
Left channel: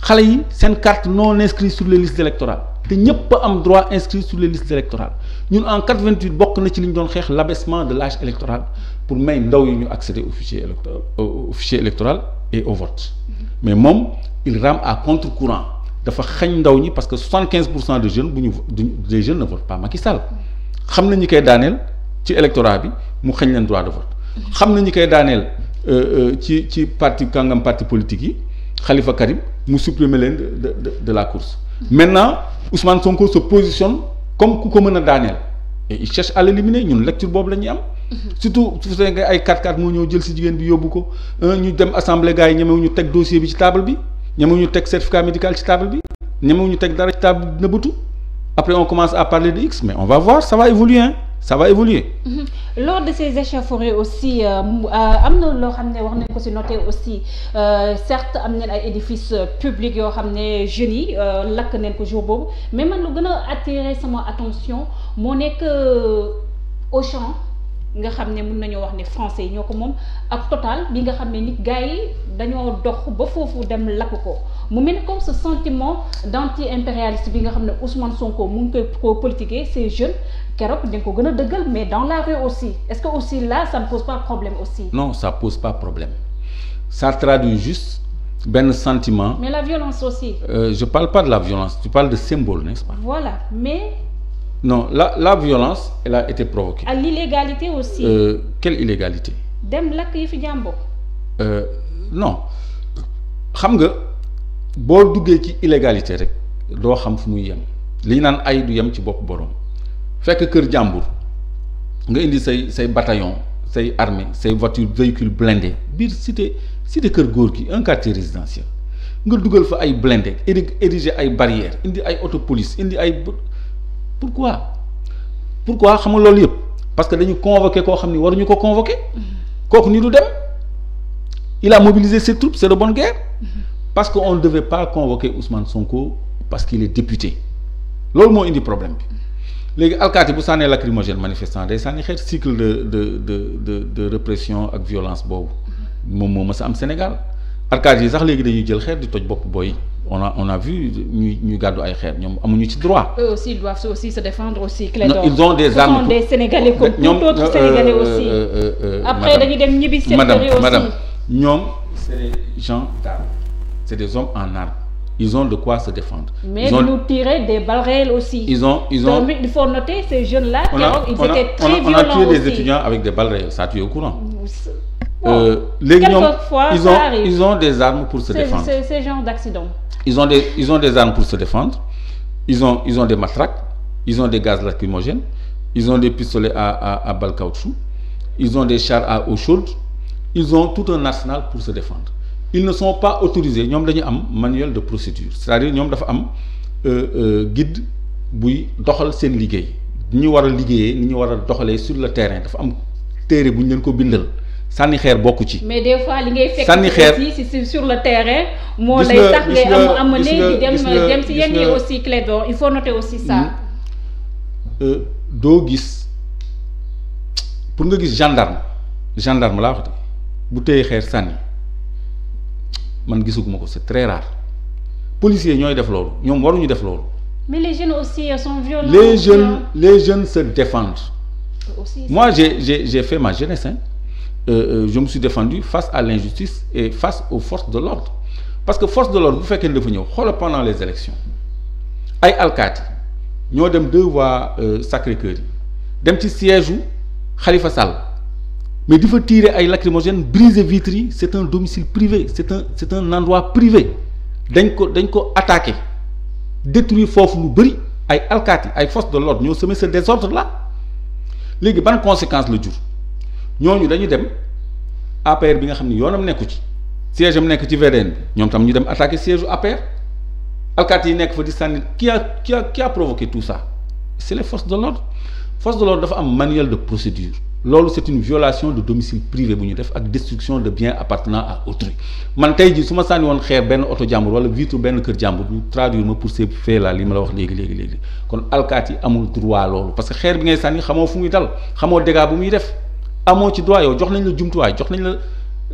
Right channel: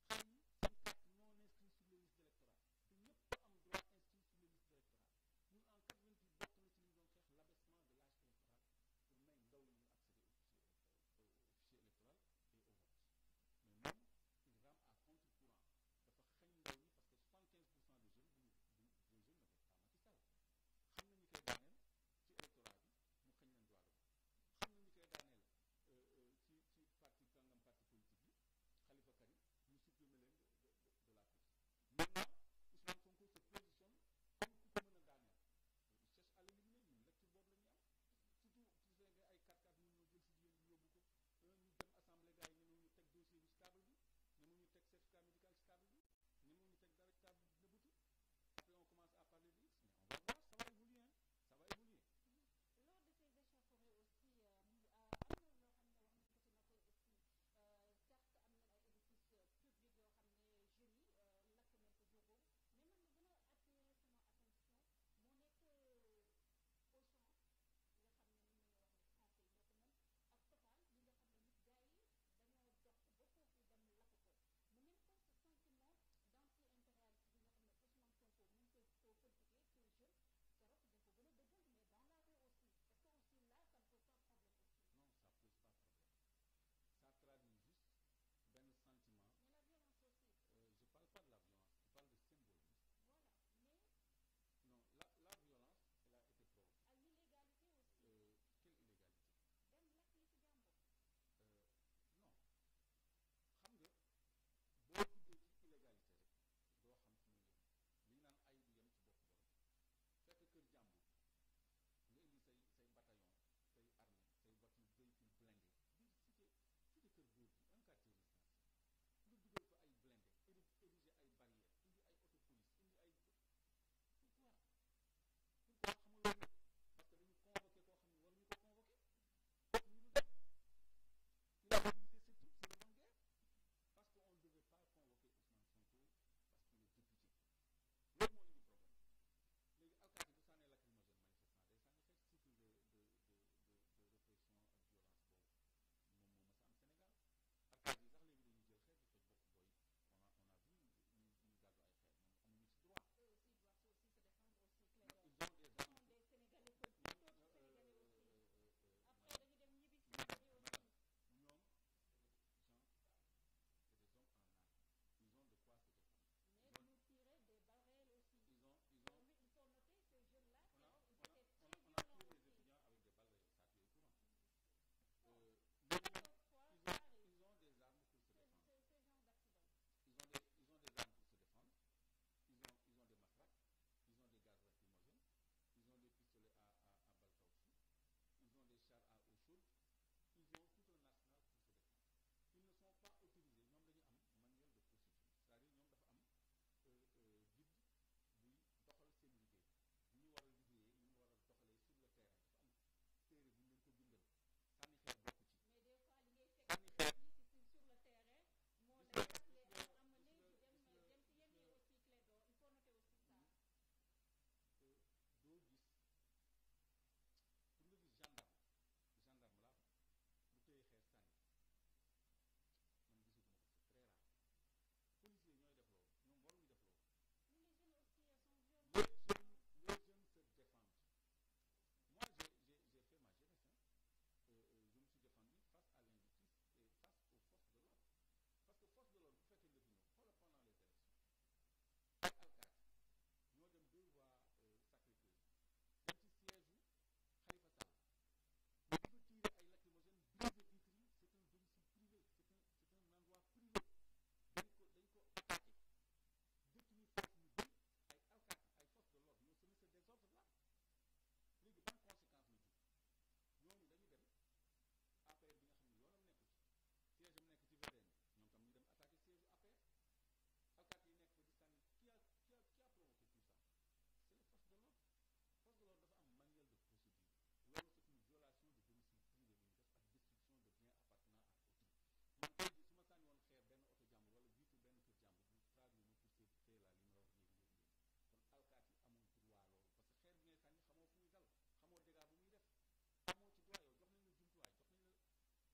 xale yi seen carte non inscrite sur les listes électorales te ñëpp a am droit inscrit sur les listes électorales ñun en 88 bokk na ci li ñu doon xeex l'abaissement de l'âge électoral pour may ndaw yi ñu accéder au fichier électoral et au vote mais moom il rame à contre-courant dafa xañ ndaw ñi parce que 75% des jeunes des jeunes ne votent pas Macky Sall xam na ñi koy daaneel ci électorat bi mu xañ leen droit de vote xam na ñi koy daaneel ci parti kàngam parti politique yi Khalifa Karim mu supprimer leen de la course. Maintenant Ousmane Sonko se positionne comme ku ko mën a daaneel et il cherche à l'éliminer ñun lecture boobu la ñuy am. surtout su fekkee ay 4-4 moo ñëw jël si jigéen bi yóbbu ko ñu dem assemblée gars yi ñemewu ñu teg dossier bi ci table bi ñemewu ñu teg certificat médical ci table bi ñemewu ñu teg dara ci table bi nëbbatu après on commence à parler de X mais on va voir ça va évoluer hein. Ça va évoluer. Lors de ces échauffourées aussi am na loo xam ne wax nañ ko ci noter aussi certes am nañ ay édifices publics yoo xam ne jeunes yi lakk nañ ko jour boobu mais man lu gën a attirer sama attention moo nekk Auchan nga xam ne mën nañoo wax ne français yi ñoo ko moom ak Total bi nga xam ne nit gars yi dañoo dox ba foofu dem lakk ko mu mel comme ce sentiment d'anti-impérialiste bi nga xam ne Ousmane Sonko mu ngi koy politiquer ces jeunes. keroog dañ ko gën a dëggal mais dans la rue aussi est-ce que aussi là ça ne pose pas problème aussi. Non, ça pose pas problème ça traduit juste benn sentiment. Mais la violence aussi. Je parle pas de la violence, tu parles de symbole, n'est-ce pas? Voilà, mais. Non, la violence elle a été provoquée. À l'illégalité aussi. Quelle illégalité? Dem lakk yi fi jàmbur. Non xam nga boo duggee ci illégalité rek doo xam fu muy yem li ñu naan ay du yem ci bopp boroom. Fekk kër jàmbur nga indi say bataillon say armée say voitures véhicules blindés biir cité kër góor gi un quartier résidentiel nga dugal fa ay blindés ériger ay barrières indi ay auto police indi ay pourquoi xam nga loolu yëpp parce que dañu convoqué koo xam ni waruñu ko convoqué kooku ni du dem il a mobilisé ses troupes c'est de bonne guerre parce que on ne devait pas convoquer Ousmane Sonko parce qu'il est député loolu moo indi problème bi. léegi alkaati bu sànnee lacrymogène manifestant day sànni xeet cycle de répression ak violence boobu moom moo mës a am Sénégal alkaati yi sax léegi dañuy jël xeet di toj bopp booy on a vu ñuy gàddu ay xeet ñoom amuñu ci droit. Eux aussi ils doivent aussi se défendre aussi. Clédor. Ils ont des armes. Ce sont des Sénégalais comme tout autre Sénégalais aussi. Après dañuy dem ñibbi seen kër yi aussi. Madame ñoom c'est des gens d'armes c'est des hommes en armes. Ils ont de quoi se défendre. Mais nous tirer des balles réelles aussi. Ils ont. Donc, il faut noter ces jeunes-là. Ils étaient très violents on a tué aussi. des étudiants avec des balles réelles. Ça tu es au courant. léegi ñoom ils ont des armes pour se défendre. C'est genre d'accident. Ils ont des armes pour se défendre. Ils ont des matraques. Ils ont des gaz lacrymogènes. Ils ont des pistolets à balles caoutchouc. Ils ont des chars à eau chaude. Ils ont tout un arsenal pour se défendre. Ils ne sont pas autorisés ñoom dañu am manuel de procédure, c'est-à-dire ñoom dafa am guide buy doxal seen liggéey ni ñu war a liggéeyee ni ñu war a doxalee sur le terrain dafa am téere bu ñu leen ko bindal sànni xeer bokku ci. mais des fois li ngay fekk sànni xeer aussi sur le terrain. moo lay tax ngay am ne di dem si yenn yi aussi Clédor il faut noter aussi ça. doo gis pour nga gis gendarme laa wax de bu téye xeer sànni. man gisuguma ko c'est très rare policiers ñooy def loolu ñoom waruñu def loolu. mais les jeunes aussi sont violents. les jeunes se défendent. Aussi, moi j'ai fait ma jeunesse je me suis défendu face à l'injustice et face aux forces de l'ordre parce que force de l'ordre bu fekkee ne dafa ñëw xoolal pendant les élections ay alkaati ñoo dem 2 voies Sacré-Cœur yi dem ci siège u Khalifa Sall. mais di fa tirer ay lacrymogènes briser vitres yi c'est un domicile privé c'est un endroit privé dañ ko attaquer détruire foofu lu bëri ay alkaati ay forces de l'ordre ñoo semé ce désordre là léegi ban conséquence la jur ñooñu dañu dem APR bi nga xam ni yoonam nekku ci siège am nekk ci VDN bi ñoom tam ñu dem attaquer siège u APR alkaati yi nekk fa di sànni qui a provoqué tout ça c'est les forces de l'ordre dafa am manuel de procédure loolu c'est une violation de domicile privé bu ñu def ak destruction de biens appartenant à autrui man tey jii su ma sànni woon xeer benn oto jàmbur wala vitre benn kër jàmbur ñu traduire ma pour ces faits là li ma la wax léegi kon alkaati yi amul droit loolu parce que xeer bi ngay sànni xamoo fu muy dal xamoo dégâts bu muy def amoo ci droit yow jox nañ la jumtuwaay jox nañ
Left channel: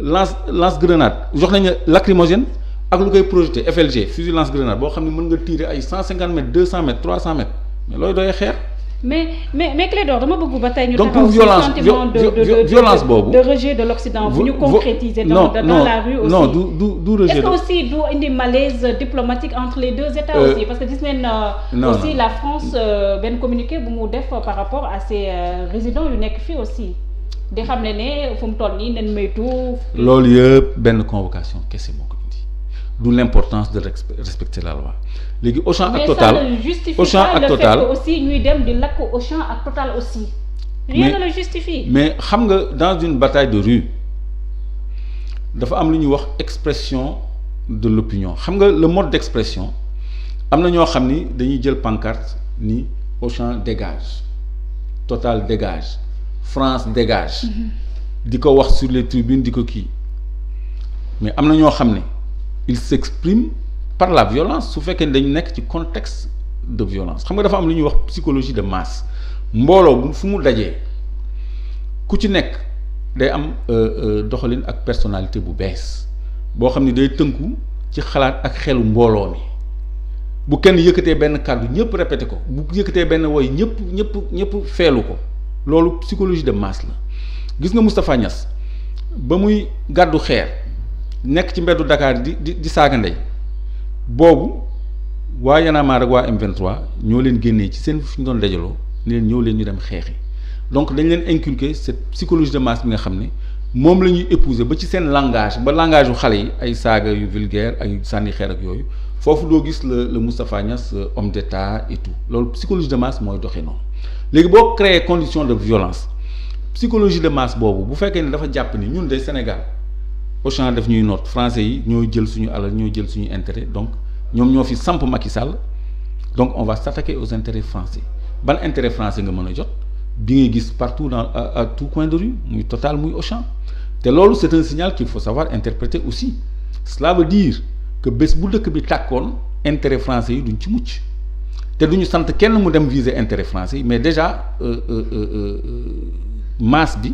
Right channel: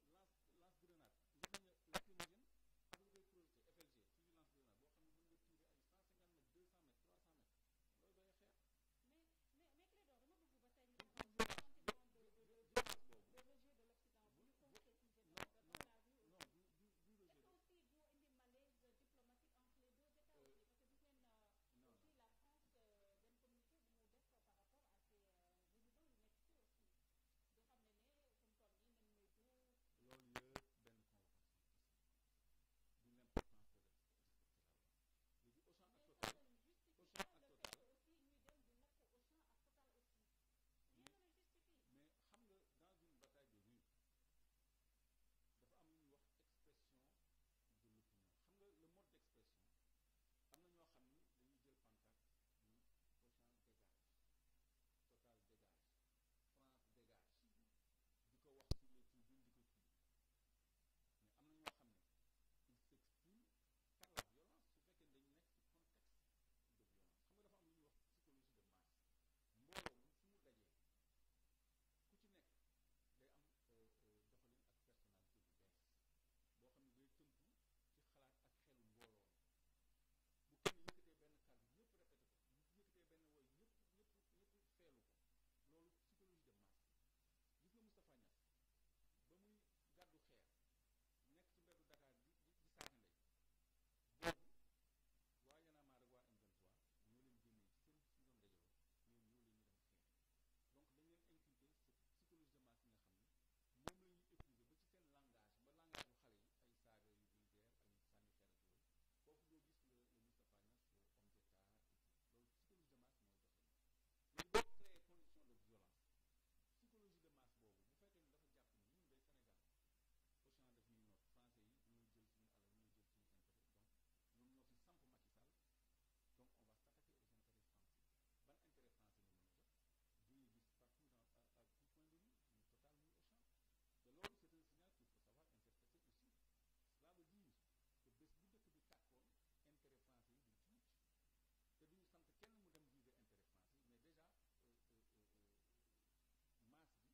la lance grenade jox nañ la lacrymogène ak lu koy projeté FLG fusil lance grenade boo xam ne mën nga tirer ay 150 mètres 200 mètres 300 mètres mais looy doyee xeer. mais Clédor dama bëgg ba tey ñu donc pour violence boobu de rejet de l'Occident bu ñu concrétiser dans la rue aussi non du rejet. Est-ce que aussi du indi malaise diplomatique entre les deux États aussi parce que gis ngeen aussi la France benn communiqué bu mu def par rapport à ces résidents yu nekk fii aussi di xam ne fu mu toll nii nen moytu. loolu yëpp benn convocation kese moo ko indi du l'importance de respecter la loi. léegi Auchan ak Total aussi ñuy dem di lakk Auchan ak Total aussi. rien ne le justifie. mais xam nga dans une bataille de rue dafa am lu ñuy wax expression de l'opinion xam nga le mode d'expression am na ñoo xam ni dañuy jël pancarte ni Auchan dégage Total dégage France dégage. di ko wax sur les tribunes di ko kii mais am na ñoo xam ne ils s'expriment par la violence su fekkee ne dañu nekk ci contexte de violence xam nga dafa am lu ñuy wax psychologie de masse mbooloo bu fu mu dajee ku ci nekk day am doxalin ak personnalité bu bees boo xam ni day tënku ci xalaat ak xelu mbooloo mi bu kenn yëkkatee benn kàddu ñëpp répété ko bu yëkkatee benn woy ñëpp feelu ko loolu psychologie de masse la gis nga Moustapha Niass ba muy gàddu xeer nekk ci mbeddu Dakar di saaga ndey boobu waa Y'en a marre ak waa M23 ñoo leen génnee ci seen fi ñu doon dajaloo ni leen ñëw leen ñu dem xeexi donc dañ leen inculquer cette psychologie de masse bi nga xam ne moom la ñuy épouser ba ci seen langage ba langage yu xale yi ay saaga yu vulgaire ay sànni xeer ak yooyu foofu doo gis le Moustapha Niass homme d'état et tout loolu psychologie de masse mooy doxee noonu léegi boo créer condition de violence psychologie de masse boobu bu fekkee ne dafa jàpp ni ñun de Sénégal Auchan daf ñuy noot français yi ñooy jël suñu alal ñooy jël suñu intérêt donc ñoom ñoo fi samp Macky Sall donc on va s'attaquer aux intérêts français ban intérêt français nga mën a jot bi ngay gis partout dans à tout coin de rue muy Total muy Auchan te loolu c'est un signal qu'il faut savoir interpréter aussi cela veut dire que bés bu dëkk bi tàkkoon intérêt français yi duñ ci mucc te duñu sant kenn mu dem viser intérêt français yi mais déjà masse bi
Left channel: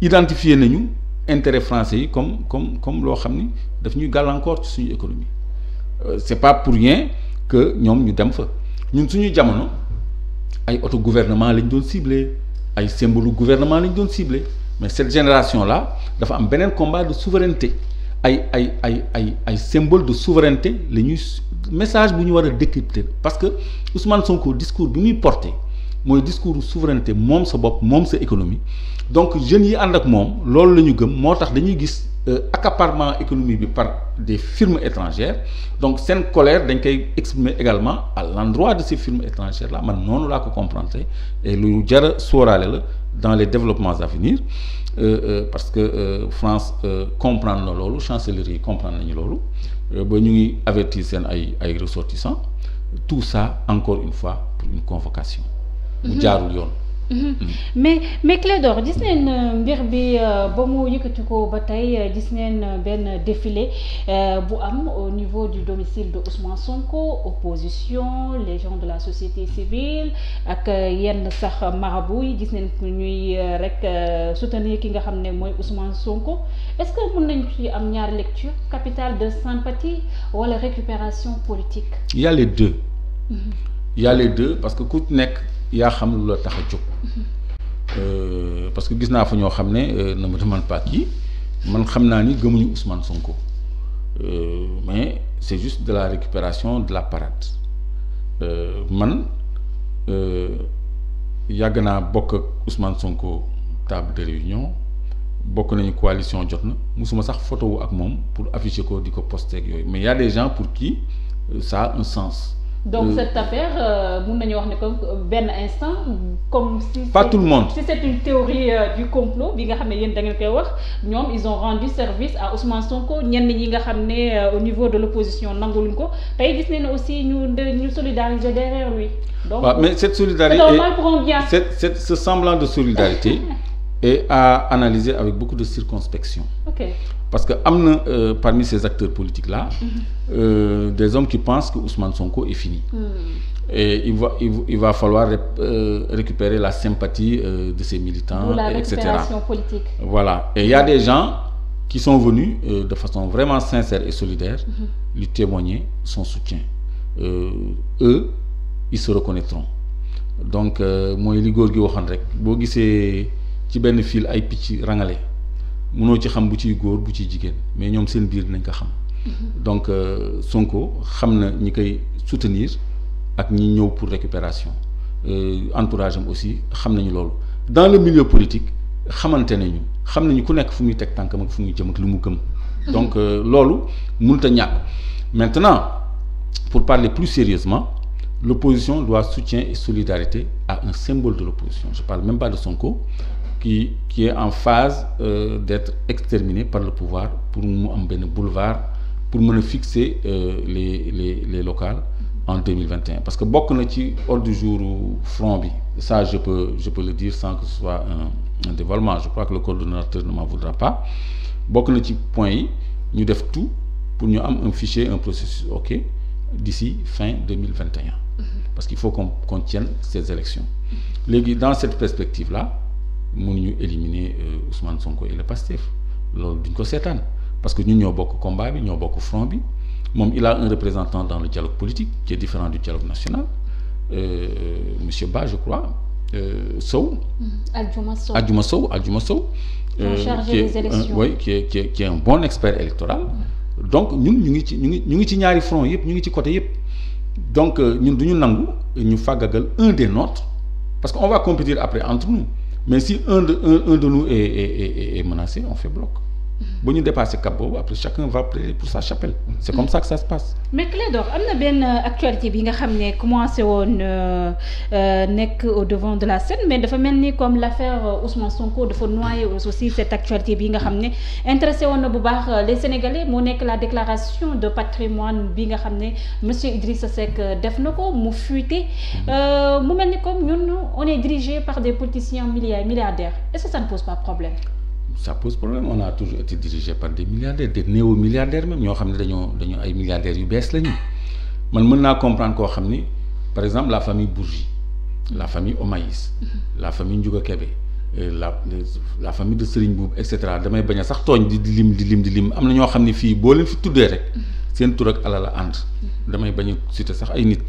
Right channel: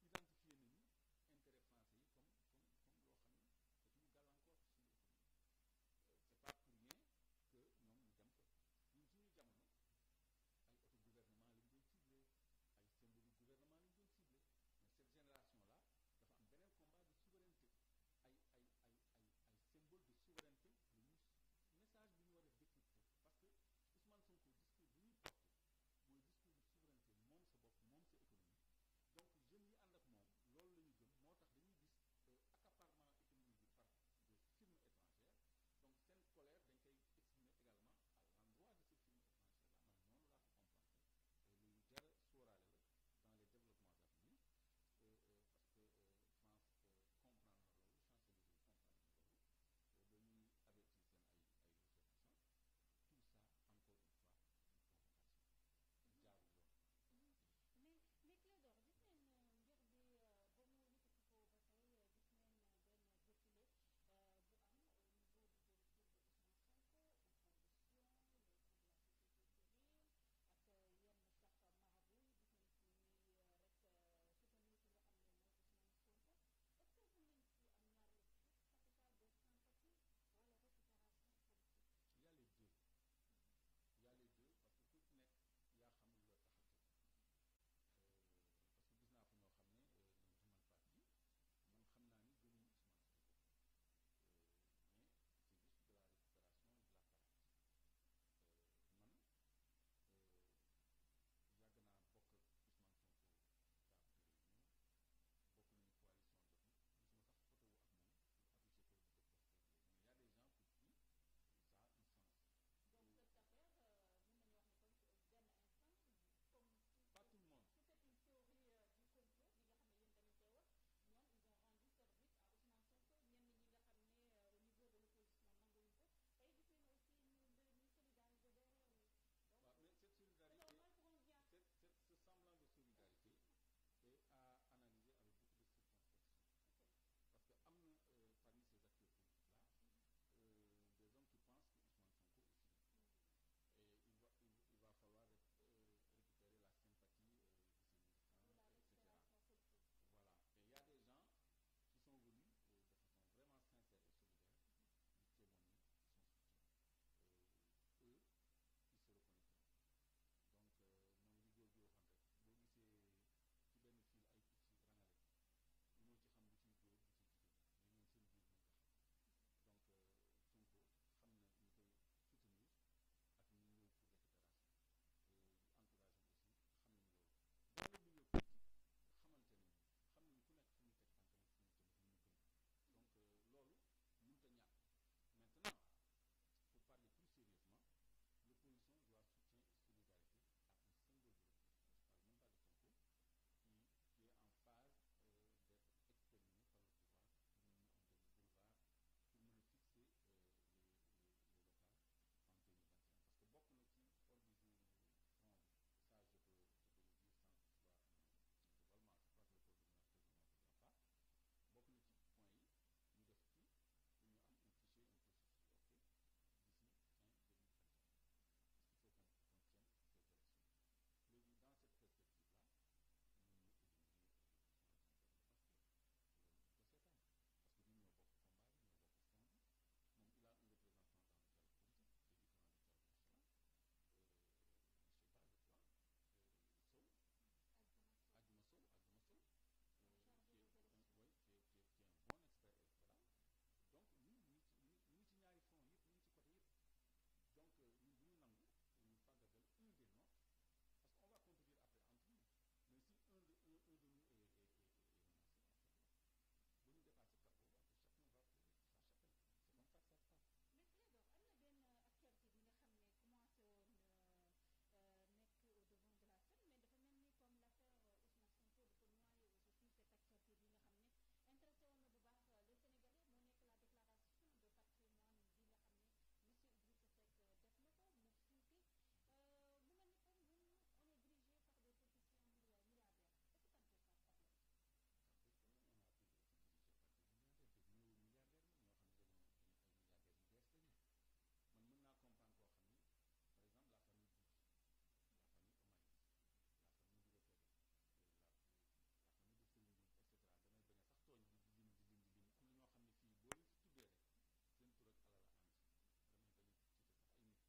identifier nañu intérêt français yi comme loo xam ni daf ñuy gàllankoor ci suñu économie c'est pas pour rien que ñoom ñu dem fa ñun suñu jamono ay auto gouvernement lañ doon ciblé ay symbole gouvernement lañ doon ciblé mais cette génération là dafa am beneen combat de souveraineté ay symbole de souveraineté la ñuy message bu ñu war a décrypter parce que Ousmane Sonko discours bi muy porté mooy discours souveraineté moom sa bopp moom sa économie donc jeunes yi ànd ak moom loolu la ñu gëm moo tax dañuy gis accaparement économique bi par des firmes étrangères donc seen colère dañ koy exprimer également à l'endroit de ces firmes étrangères là man noonu laa ko comprendre et lu jar a sóoraale la dans les développements à venir parce que France comprendre na loolu chancellerie yi comprendre nañu loolu ba ñu ngi avertir seen ay ressortissants tout ça encore une fois pour une convocation mu jaarul yoon. mais Clédor gis neen mbir bi ba mu yëkkati ko ba tey gis neen benn défilé bu am au niveau du domicile de Ousmane Sonko opposition les gens de la société civile ak yenn sax marabout yi gis neen ñuy rek soutenir ki nga xam ne mooy Ousmane Sonko est-ce que mën nañ ci am ñaari lecture capitale de sympathie wala récupération politique. Il y a les deux. Il y a les deux parce que ku nekk yaa xam lu la tax a jóg parce que gis naa fa ñoo xam ne ne me demande pas qui man xam naa ni gëmuñu Ousmane Sonko mais c'est juste de la récupération de la parade man yàgg naa bokk ak Ousmane Sonko table de réunion bokk nañu coalition jot na musuma sax photo wu ak moom pour afficher ko di ko poster ak yooyu mais il y a des gens pour qui ça a un sens. Donc cette affaire mun nañu wax ne comme benn instant comme si pas tout le monde si c'est une théorie du complot bi nga xam ne yéen da ngeen koy wax ñoom ils ont rendu service à Ousmane Sonko ñenn ñi nga xam ne au niveau de l'opposition nanguluñ ko tey gis nañ ne aussi ñu solidariser derrière lui. Donc mais cette solidarité c'est normal pour un bien. ce semblant de solidarité est à analyser avec beaucoup de circonspection. Ok. Parce que am na parmi ces acteurs politiques là des hommes qui pensent que Ousmane Sonko est fini. Et il va falloir récupérer la sympathie de ses militants, la etc. récupération politique. Voilà. Et il y a des gens qui sont venus de façon vraiment sincère et solidaire lui témoigner son soutien. Eux, ils se reconnaîtront. Donc mooy li góor gi waxoon rek boo gisee ci benn fil ay picc rangale mënoo ci xam bu ciy góor bu ciy jigéen mais ñoom seen biir dinañ ko xam. Donc Sonko xam na ñi koy soutenir ak ñi ñëw pour récupération entourage am aussi xam nañu loolu dans le milieu politique xamante nañu xam nañu ku nekk fu muy teg tànkam ak fu muy jëm ak lu mu gëm. Donc loolu mënut a ñàkk maintenant pour parler plus sérieusement l'opposition doit soutien et solidarité à un symbole de l'opposition je parle même pas de Sonko qui est en phase d'être exterminé par le pouvoir pour mu am benn boulevard pour mën a fixer les locales en 2021 parce que bokk na ci ordre du jour front bi ça je peux le dire sans que ce soit un dévoilement je crois que le coordonnateur ne m'en voudra pas bokk na ci point yi ñu def tout pour ñu am un fichier un processus ok d'ici fin 2021 parce qu'il faut qu'on tienne ces élections léegi dans cette perspective là mënuñu éliminer Ousmane Sonko et le Pastef loolu duñ ko seetaan parce que ñun ñoo bokk combat bi ñoo bokk front bi moom il a un représentant dans le dialogue politique qui est différent du dialogue national monsieur Ba je crois Sow. Adjuma Sow. chargé des élections oui qui est un bon expert électoral. donc ñun ñu ngi ci ñaari front yëpp ñu ngi ci côté yëpp donc ñun du ñu nangu ñu fàggagal un des nôtres parce que on va compétir après entre nous mais si un de nous est menacé on fait bloc bu ñu dépasser cap boobu après chacun va plaider pour sa chapelle c'est comme ça que ça se passe. mais Clédor am na benn actualité bi nga xam ne commencé woon nekk au devant de la scène mais dafa mel ni comme l'affaire Ousmane Sonko dafa noyer aussi cette actualité bi nga xam ne intéressé woon na bu baax les Sénégalais moo nekk la déclaration de patrimoine bi nga xam ne monsieur Idrissa Seck def na ko mu fuité mu mel ni comme ñun on est dirigé par des politiciens milliardaires est-ce que ça ne pose pas problème. Ça pose problème on a toujours été dirigé par des milliardaires des néo-milliardaires même ñoo xam ne dañoo ay milliardaires yu bees lañu man mën naa comprendre koo xam ni par exemple la famille Bourgi la famille Omaïs la famille Ndiouga Kébé la famille de Serigne Boub et cetera damay bañ a sax tooñ di lim am na ñoo xam ne fii boo leen fi tuddee rek seen tur ak alal la ànd damay bañ a citer sax ay nit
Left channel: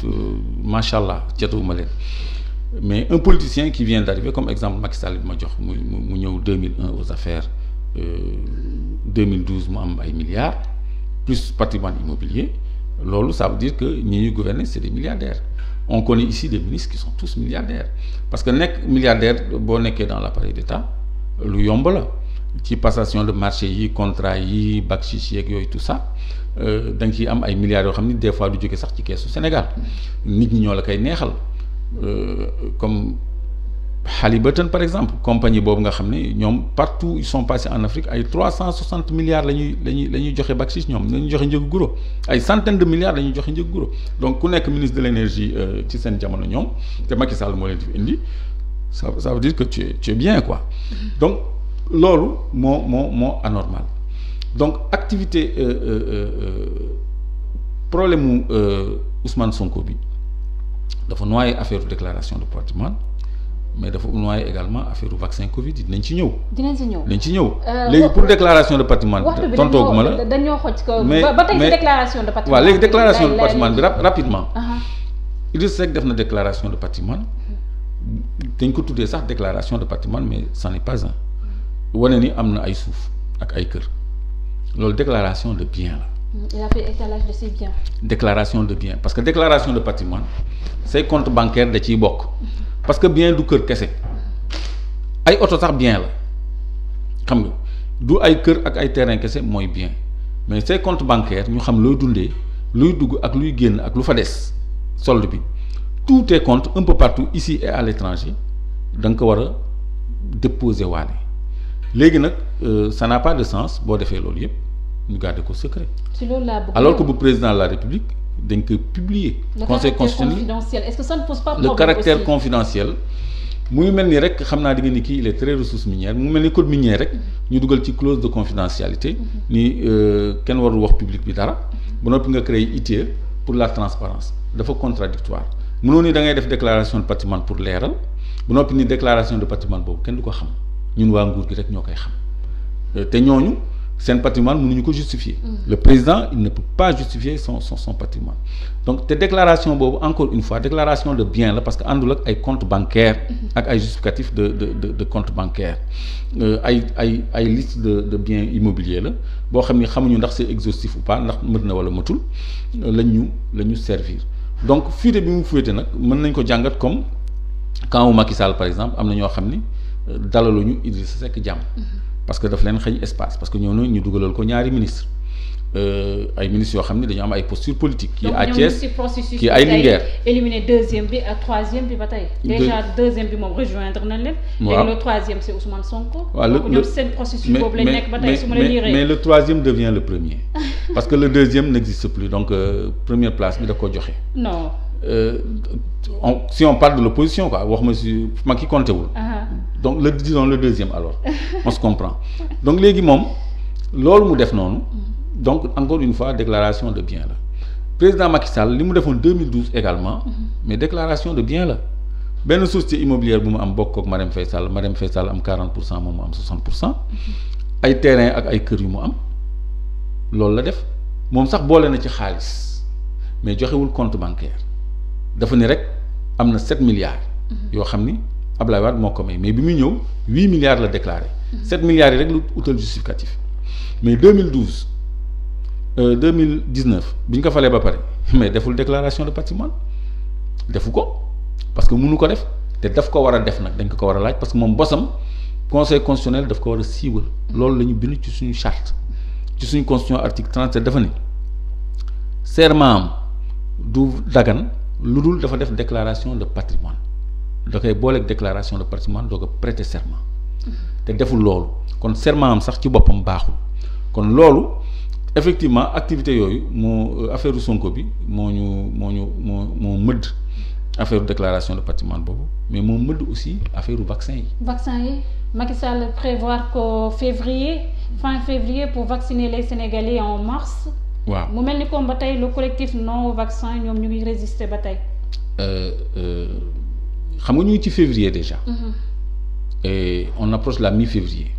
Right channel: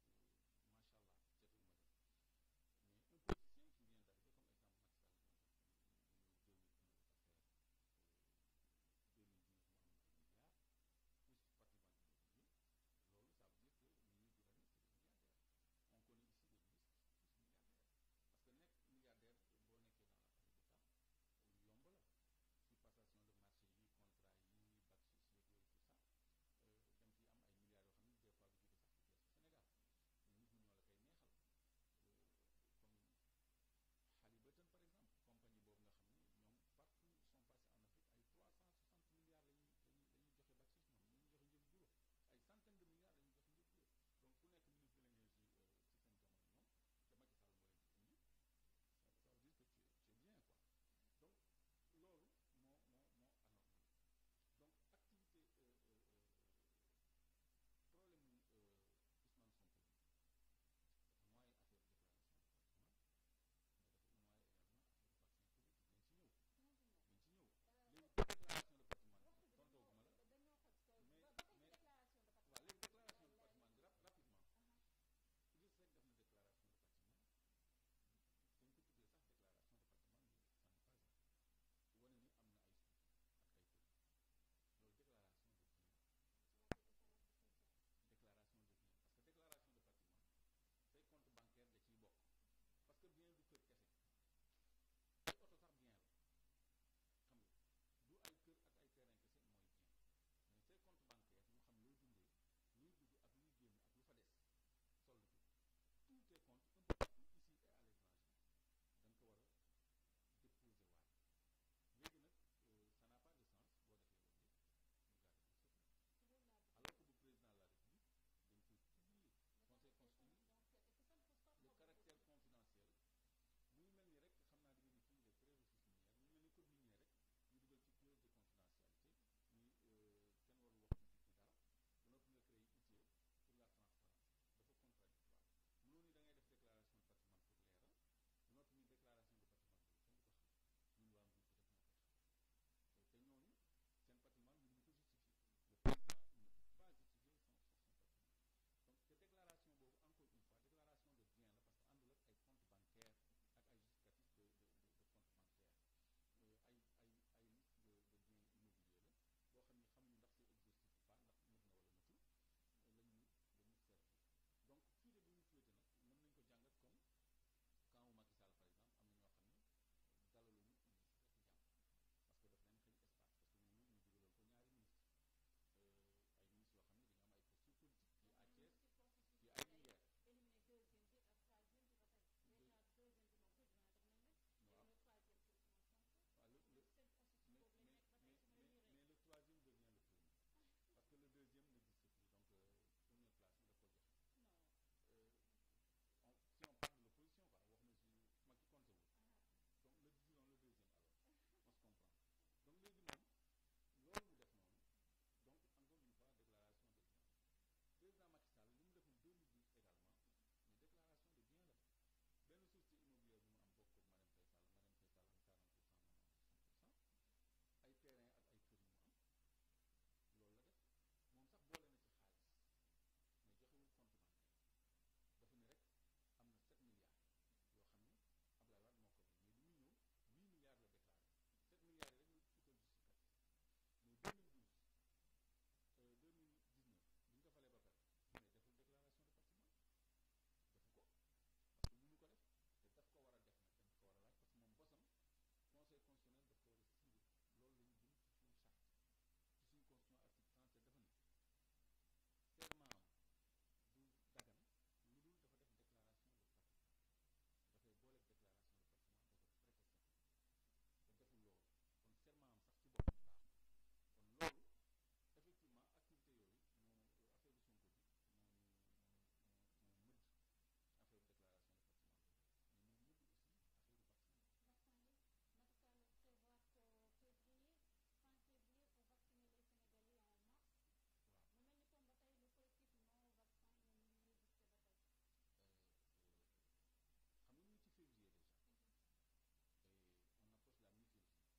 macha allah catuwuma leen. Mais un politicien qui vient d'arriver comme exemple Macky Sall bi ma jox mu ñëw 2001 aux affaires 2012 mu am ay milliards plus patrimoine immobilier loolu ça veut dire que ñi ñuy gouverner c'est des milliardaires on connaît ici des ministres qui sont tous milliardaires parce que nekk milliardaire boo nekkee dans l'appareil d'État lu yomb la ci passation de marché yi contrat yi bakchich yeeg yooyu tout ça da nga ciy am ay milliards yoo xam ni des fois du jóge sax ci keesu Sénégal nit ñi ñoo la koy neexal comme Halliburton par exemple compagnie boobu nga xam ne ñoom partout ils sont passés en Afrique ay 360 milliards la ñuy joxe bakchich ñoom la ñuy joxe njëgu guro ay centaines de milliards la ñuy joxe njëgu guro donc ku nekk ministre de l'énergie ci seen jamono ñoom te Macky Sall moo leen fi indi ça veut dire que tu es bien quoi donc loolu moo anormal donc activité problème mu Ousmane Sonko bi dafa noyé affaire déclaration de patrimoine mais dafa noyé également affaire vaccin Covid yi dinañ ci ñëw. dinañ ci ñëw. léegi pour déclaration de patrimoine. tontooguma la dañoo xoj ko mais ba tey ci déclaration de patrimoine. waaw léegi déclaration de patrimoine bi rapidement. Idriss Seck def na déclaration de patrimoine dañ ko tuddee sax déclaration de patrimoine mais c'en est pas un wane ni am na ay suuf ak ay kër loolu déclaration de bien la. Il a fait étalage de ses biens. déclaration de bien parce que déclaration de patrimoine say compte bancaire da ciy bokk. parce que bien du kër kese ay oto sax bien la xam nga du ay kër ak ay terrain kese mooy bien mais say compte bancaire ñu xam looy dundee luy dugg ak luy génn ak lu fa des solde bi tous tes comptes un peu partout ici et à l'étranger da nga ko war a déposer waale léegi nag ça n'a pas de sens boo defee loolu yëpp ñu garder ko secret. ci loolu laa bëgg alors que bu président de la République dañ koy publier. conseil constitutionnel est-ce que ça ne pose pas problème le caractère aussi? Confidentiel mu ngi mel ni rek xam naa di nga ni kii il est très ressource minière mu mel ni code minier rek ñu dugal ci clause de confidentialité ni kenn warul wax public bi dara ba noppi nga créer ITIE pour la transparence dafa contradictoire mënoo ni da ngay def déclaration de patrimoine pour leeral ba noppi ni déclaration de patrimoine boobu kenn du ko xam ñun waa nguur gi rek ñoo koy xam te ñooñu seen patrimoine mënuñu ko justifier. Le président il ne peut pas justifier son patrimoine donc te déclaration boobu encore une fois déclaration de bien la parce que àndul ak ay compte bancaire ak ay justificatif de compte bancaire ay liste de biens immobiliers la boo xam ni xamuñu ndax c'est exhaustif ou pas ndax mët na wala mëtul la ñu servir donc fuite bi mu fuite nag mën nañ ko jàngat comme quand wu Macky Sall par exemple am na ñoo xam ni dalaluñu Idrissa Seck jàmm parce que daf leen xëñ espace parce que ñoo na ñu dugalal ko ñaari ministre ay ministres yoo xam ne dañu am ay posture politique kii à Thiès kii ay Linguère éliminer deuxième bi ak troisième bi ba tey déjà deuxième bi moom rejoindre nañ leen léegi le troisième c'est Ousmane Sonko donc ñoom seen processus boobu lañ nekk ba tey su ma la lire mais le troisième devient le premier parce que le deuxième n'existe plus donc première place bi da ko joxe non si on parle de l'opposition quoi wax ma si ma ki compté wul donc disons le deuxième alors on se comprend donc léegi moom loolu mu def noonu donc encore une fois déclaration de bien la président Macky Sall li mu defoon 2012 également mais déclaration de bien la benn société immobilière bu mu am bokk ak Marème Faye Sall am 40% moom mu am 60% ay terrain ak ay kër yu mu am loolu la def moom sax boole na ci xaalis mais joxewul compte bancaire dafa ni rek am na 7 milliards yoo xam ni Ablaye Wade moo ko may mais bi muy ñëw 8 milliards la déclaré 7 milliards yi rek lu utal justificatif mais 2019 bi ñu ko falee ba pare mais deful déclaration de patrimoine defu ko parce que mënu ko def te daf ko war a def nag dañ ko war a laaj parce que moom bosam conseil constitutionnel daf ko war a siiwal loolu la ñu bind ci suñu charte ci suñu constitution article 37 dafa ne serment am du dagan lu dul dafa def déclaration de patrimoine da koy booleeg déclaration de patrimoine doo ko prêter serment te deful loolu kon serment am sax ci boppam baaxul kon loolu effectivement activité yooyu moo affaire Sonko bi moo mëdd affaire déclaration de patrimoine boobu mais moo mëdd aussi affaire vaccin yi. vaccin yi Macky Sall prévoir qu'au fin février pour vacciner les Sénégalais en mars. waaw mu mel ni comme ba tey le collectif non vaccin ñoom ñu ngi résister ba tey. xam nga ñu ngi ci février déjà. Et on approche la mi-février.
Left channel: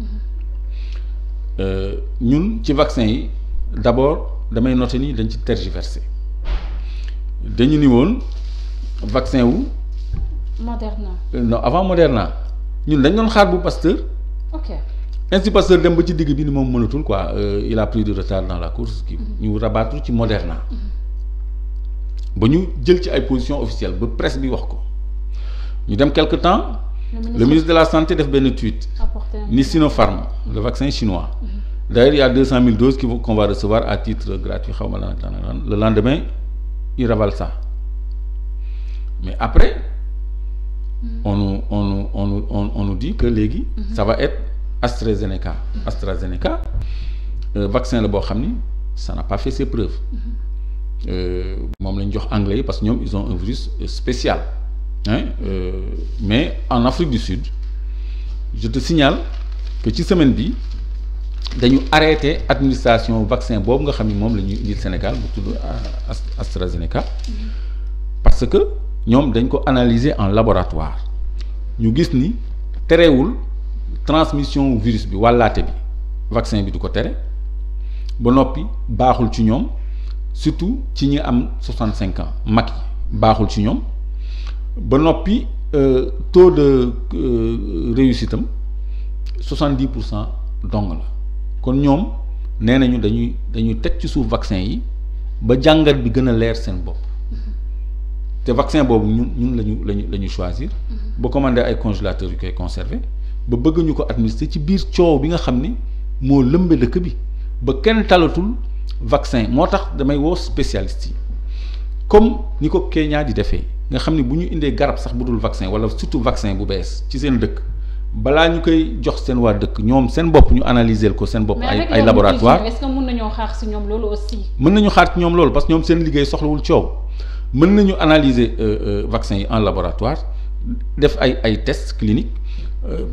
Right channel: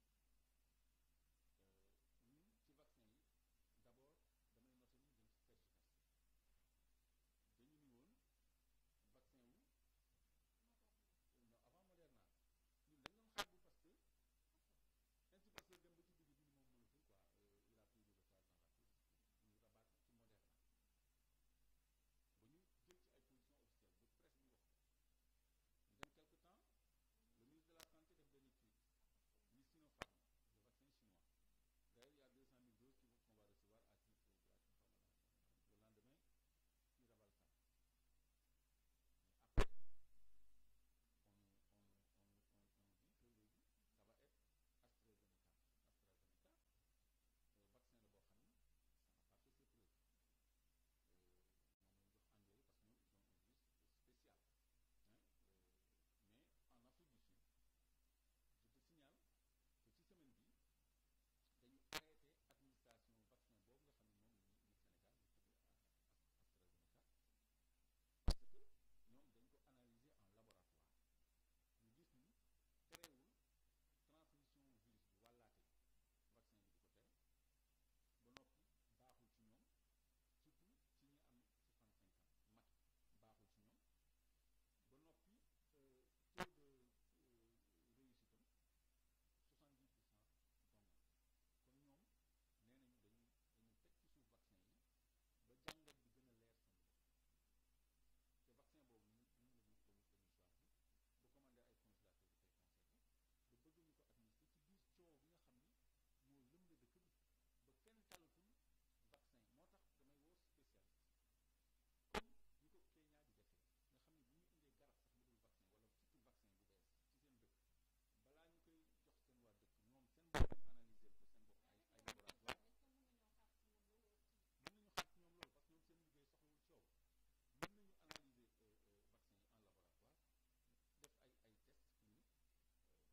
ñun ci vaccin yi d'abord damay noter ni dañ ci tergiversé dañu ni woon vaccin wu. Moderna. Non avant Moderna ñun dañ doon xaar bu Pasteur. ok Institut Pasteur dem ba ci digg bi ni moom mënatul quoi il a pris du retard dans la course. ñu rabattre ci Moderna. ba ñu jël ci ay positions officielles ba presse bi wax ko ñu dem quelque temps le ministre de la santé def benn tweet ni Sinopharm le vaccin chinois d'ailleurs il y a 200 000 doses qu'on va recevoir à titre gratuit xaw ma lan ak lan le lendemain il ravale ça mais après on nous dit que léegi ça va être AstraZeneca vaccin la boo xam ni ça n'a pas fait ses preuves moom la ñu jox anglais yi parce que ñoom ils ont un virus spécial mais en Afrique du Sud je te signale que ci semaine bi dañu arrêté administration vaccin boobu nga xam ni moom la ñuy indil Sénégal bu tudd AstraZeneca parce que ñoom dañ ko analyser en laboratoire ñu gis ni terewul transmission virus bi wàllaate bi vaccin bi du ko tere ba noppi baaxul ci ñoom surtout ci ñi am 65 ans mag yi baaxul ci ñoom ba noppi taux de réussite am 70% dong la kon ñoom nee nañu dañuy teg ci suuf vaccin yi ba jàngat bi gën a leer seen bopp te vaccin boobu ñun lañu choisir ba commander ay congélateurs yu koy conserver ba bëgg ñu ko administrer ci biir coow bi nga xam ni moo lëmbe dëkk bi ba kenn talatul vaccin moo tax damay woo spécialistes yi comme ni ko Kenya di defee nga xam ni bu ñu indee garab sax bu dul vaccin wala surtout vaccin bu bees ci seen dëkk balaa ñu koy jox seen waa dëkk ñoom seen bopp ñu analyser ko seen bopp ay laboratoire est-ce que mën nañoo xaar ci ñoom loolu aussi mën nañu xaar ci ñoom loolu parce que ñoom seen liggéey soxlawul coow mën nañu analyser vaccin yi en laboratoire def ay tests cliniques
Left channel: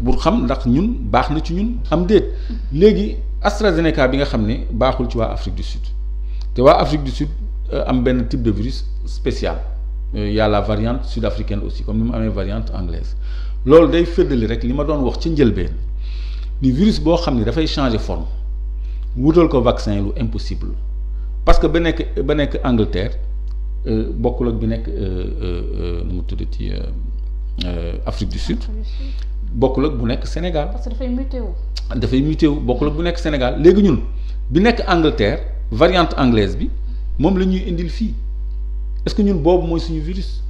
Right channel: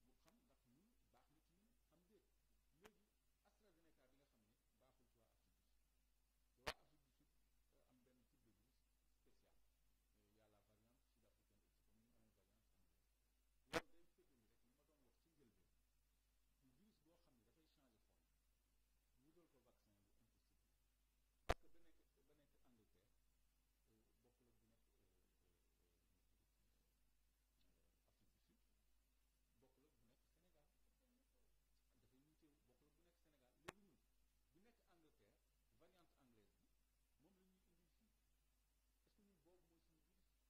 pour xam ndax ñun baax na ci ñun am déet léegi AstraZeneca bi nga xam ne baaxul ci waa Afrique du Sud te waa Afrique du Sud am benn type de virus spécial y a la variante sud-africaine aussi comme ni mu amee variante anglaise loolu day féddali rek li ma doon wax ci njëlbeen ni virus boo xam ne dafay changer forme wutal ko vaccin lu impossible parce que ba nekk Angleterre bokkul ak bi nekk nu mu tuddati Afrique du Sud bokkul ak bu nekk Sénégal. parce que dafay muté wu bokkul ak bu nekk Sénégal léegi ñun bi nekk Angleterre variante anglaise bi moom la ñuy indil fii est-ce que ñun boobu mooy suñu virus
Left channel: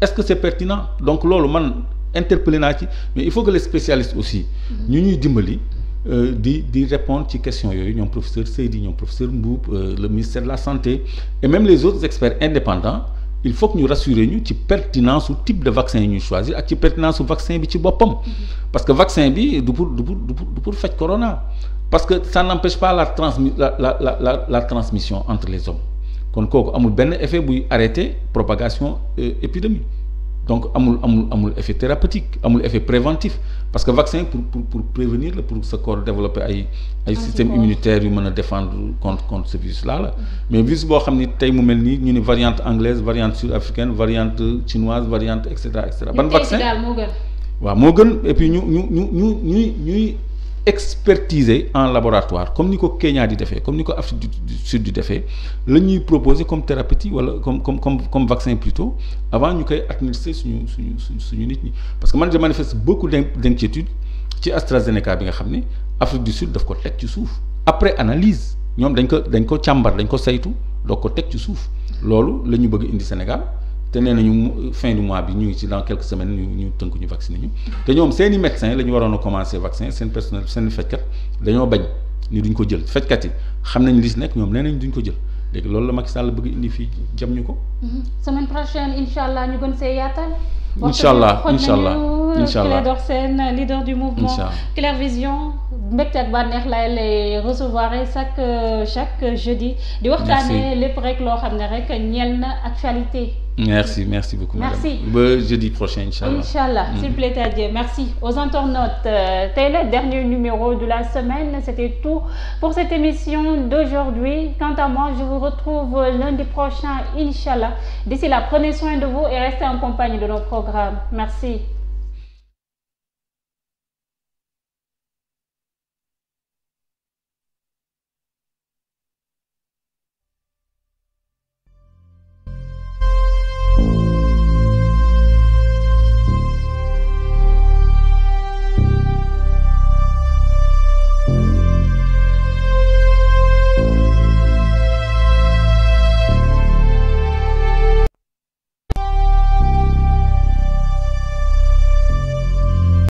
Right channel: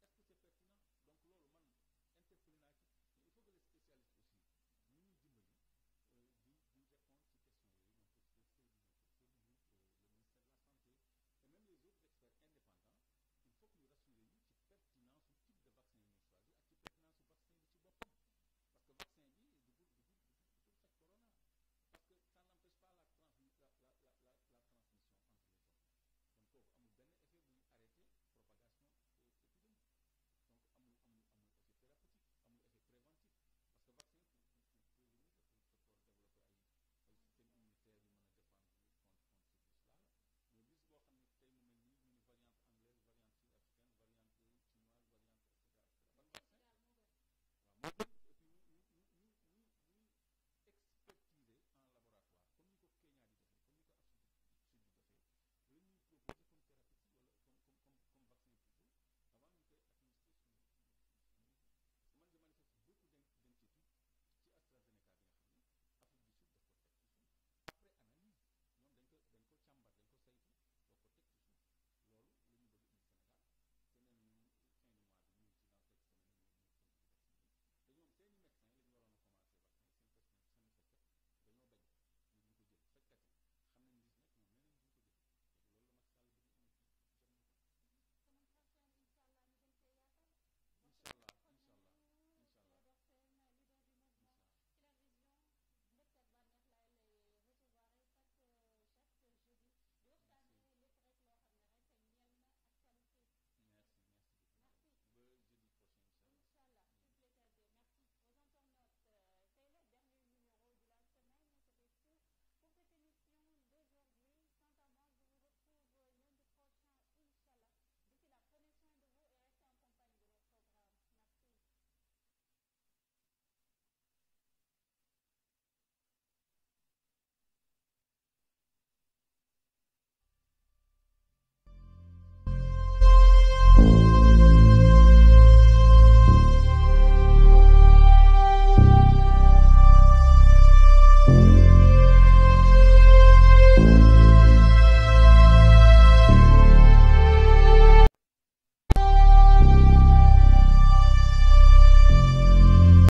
est-ce que c'est pertinent donc loolu man interpellé naa ci mais il faut que les spécialistes aussi ñu ñuy dimbali di répondre ci question yooyu ñoom professeur Seydi ñoom professeur Mboup le ministère de la santé et même les autres experts indépendants il faut que ñu rassurer ñu ci pertinence su type de vaccin yi ñuy choisir ak ci pertinence su vaccin bi ci boppam parce que vaccin bi du pour faj corona parce que ça n'empêche pas la transmission entre les hommes kon kooku amul benn effet buy arrêter propagation épidémie donc amul effet thérapeutique amul effet préventif parce que vaccin pour prévenir la pour sa corps développer ay système immunitaire yu mën a défendre contre ce virus là la mais virus boo xam ni tey mu mel nii ñu ni variante anglaise variante sud-africaine variante chinoise variante et cetera ban vaccin waaw moo gën et puis ñuy expertiser en laboratoire comme ni ko Kenya di defee comme ni ko Afrique du Sud di defee la ñuy proposer comme thérapeutique wala comme vaccin plutôt avant ñu koy administrer suñu nit ñi parce que man je manifeste beaucoup d'inquiétude ci AstraZeneca bi nga xam ne Afrique du Sud daf ko teg ci suuf après analyse ñoom dañ ko càmbar dañ ko saytu doog ko teg ci suuf loolu la ñu bëgg indi Sénégal te nee nañu fin du mois bi ñu ngi ci dans quelques semaines ñu tënk ñu vacciner ñu te ñoom seeni médecins la ñu waroon a commencer vaccin seen personnel seen fajkat dañoo bañ ni duñ ko jël fajkat yi xam nañ li si nekk ñoom nee nañ duñ ko jël léegi loolu la Macky Sall bëgg indi fii jam ñu ko. semaine prochaine incha allah ñu gën see yaatal. incha allah Clédor Sène leader du mouvement Clair Vision mbégte ak bànneex lay recevoir chaque jeudi. di waxtaanee lépp rek loo xam ne rek ñeel na actualité. merci beaucoup madame ba jeudi prochain inchallah s'il plaît à Dieu merci aux internautes tey le dernier numéro de la semaine c'était tout pour cette émission d'aujourd'hui quant à moi je vous retrouve lundi prochain inchallah d'ici là prenez soin de vous et restez en compagnie de nos programmes merci.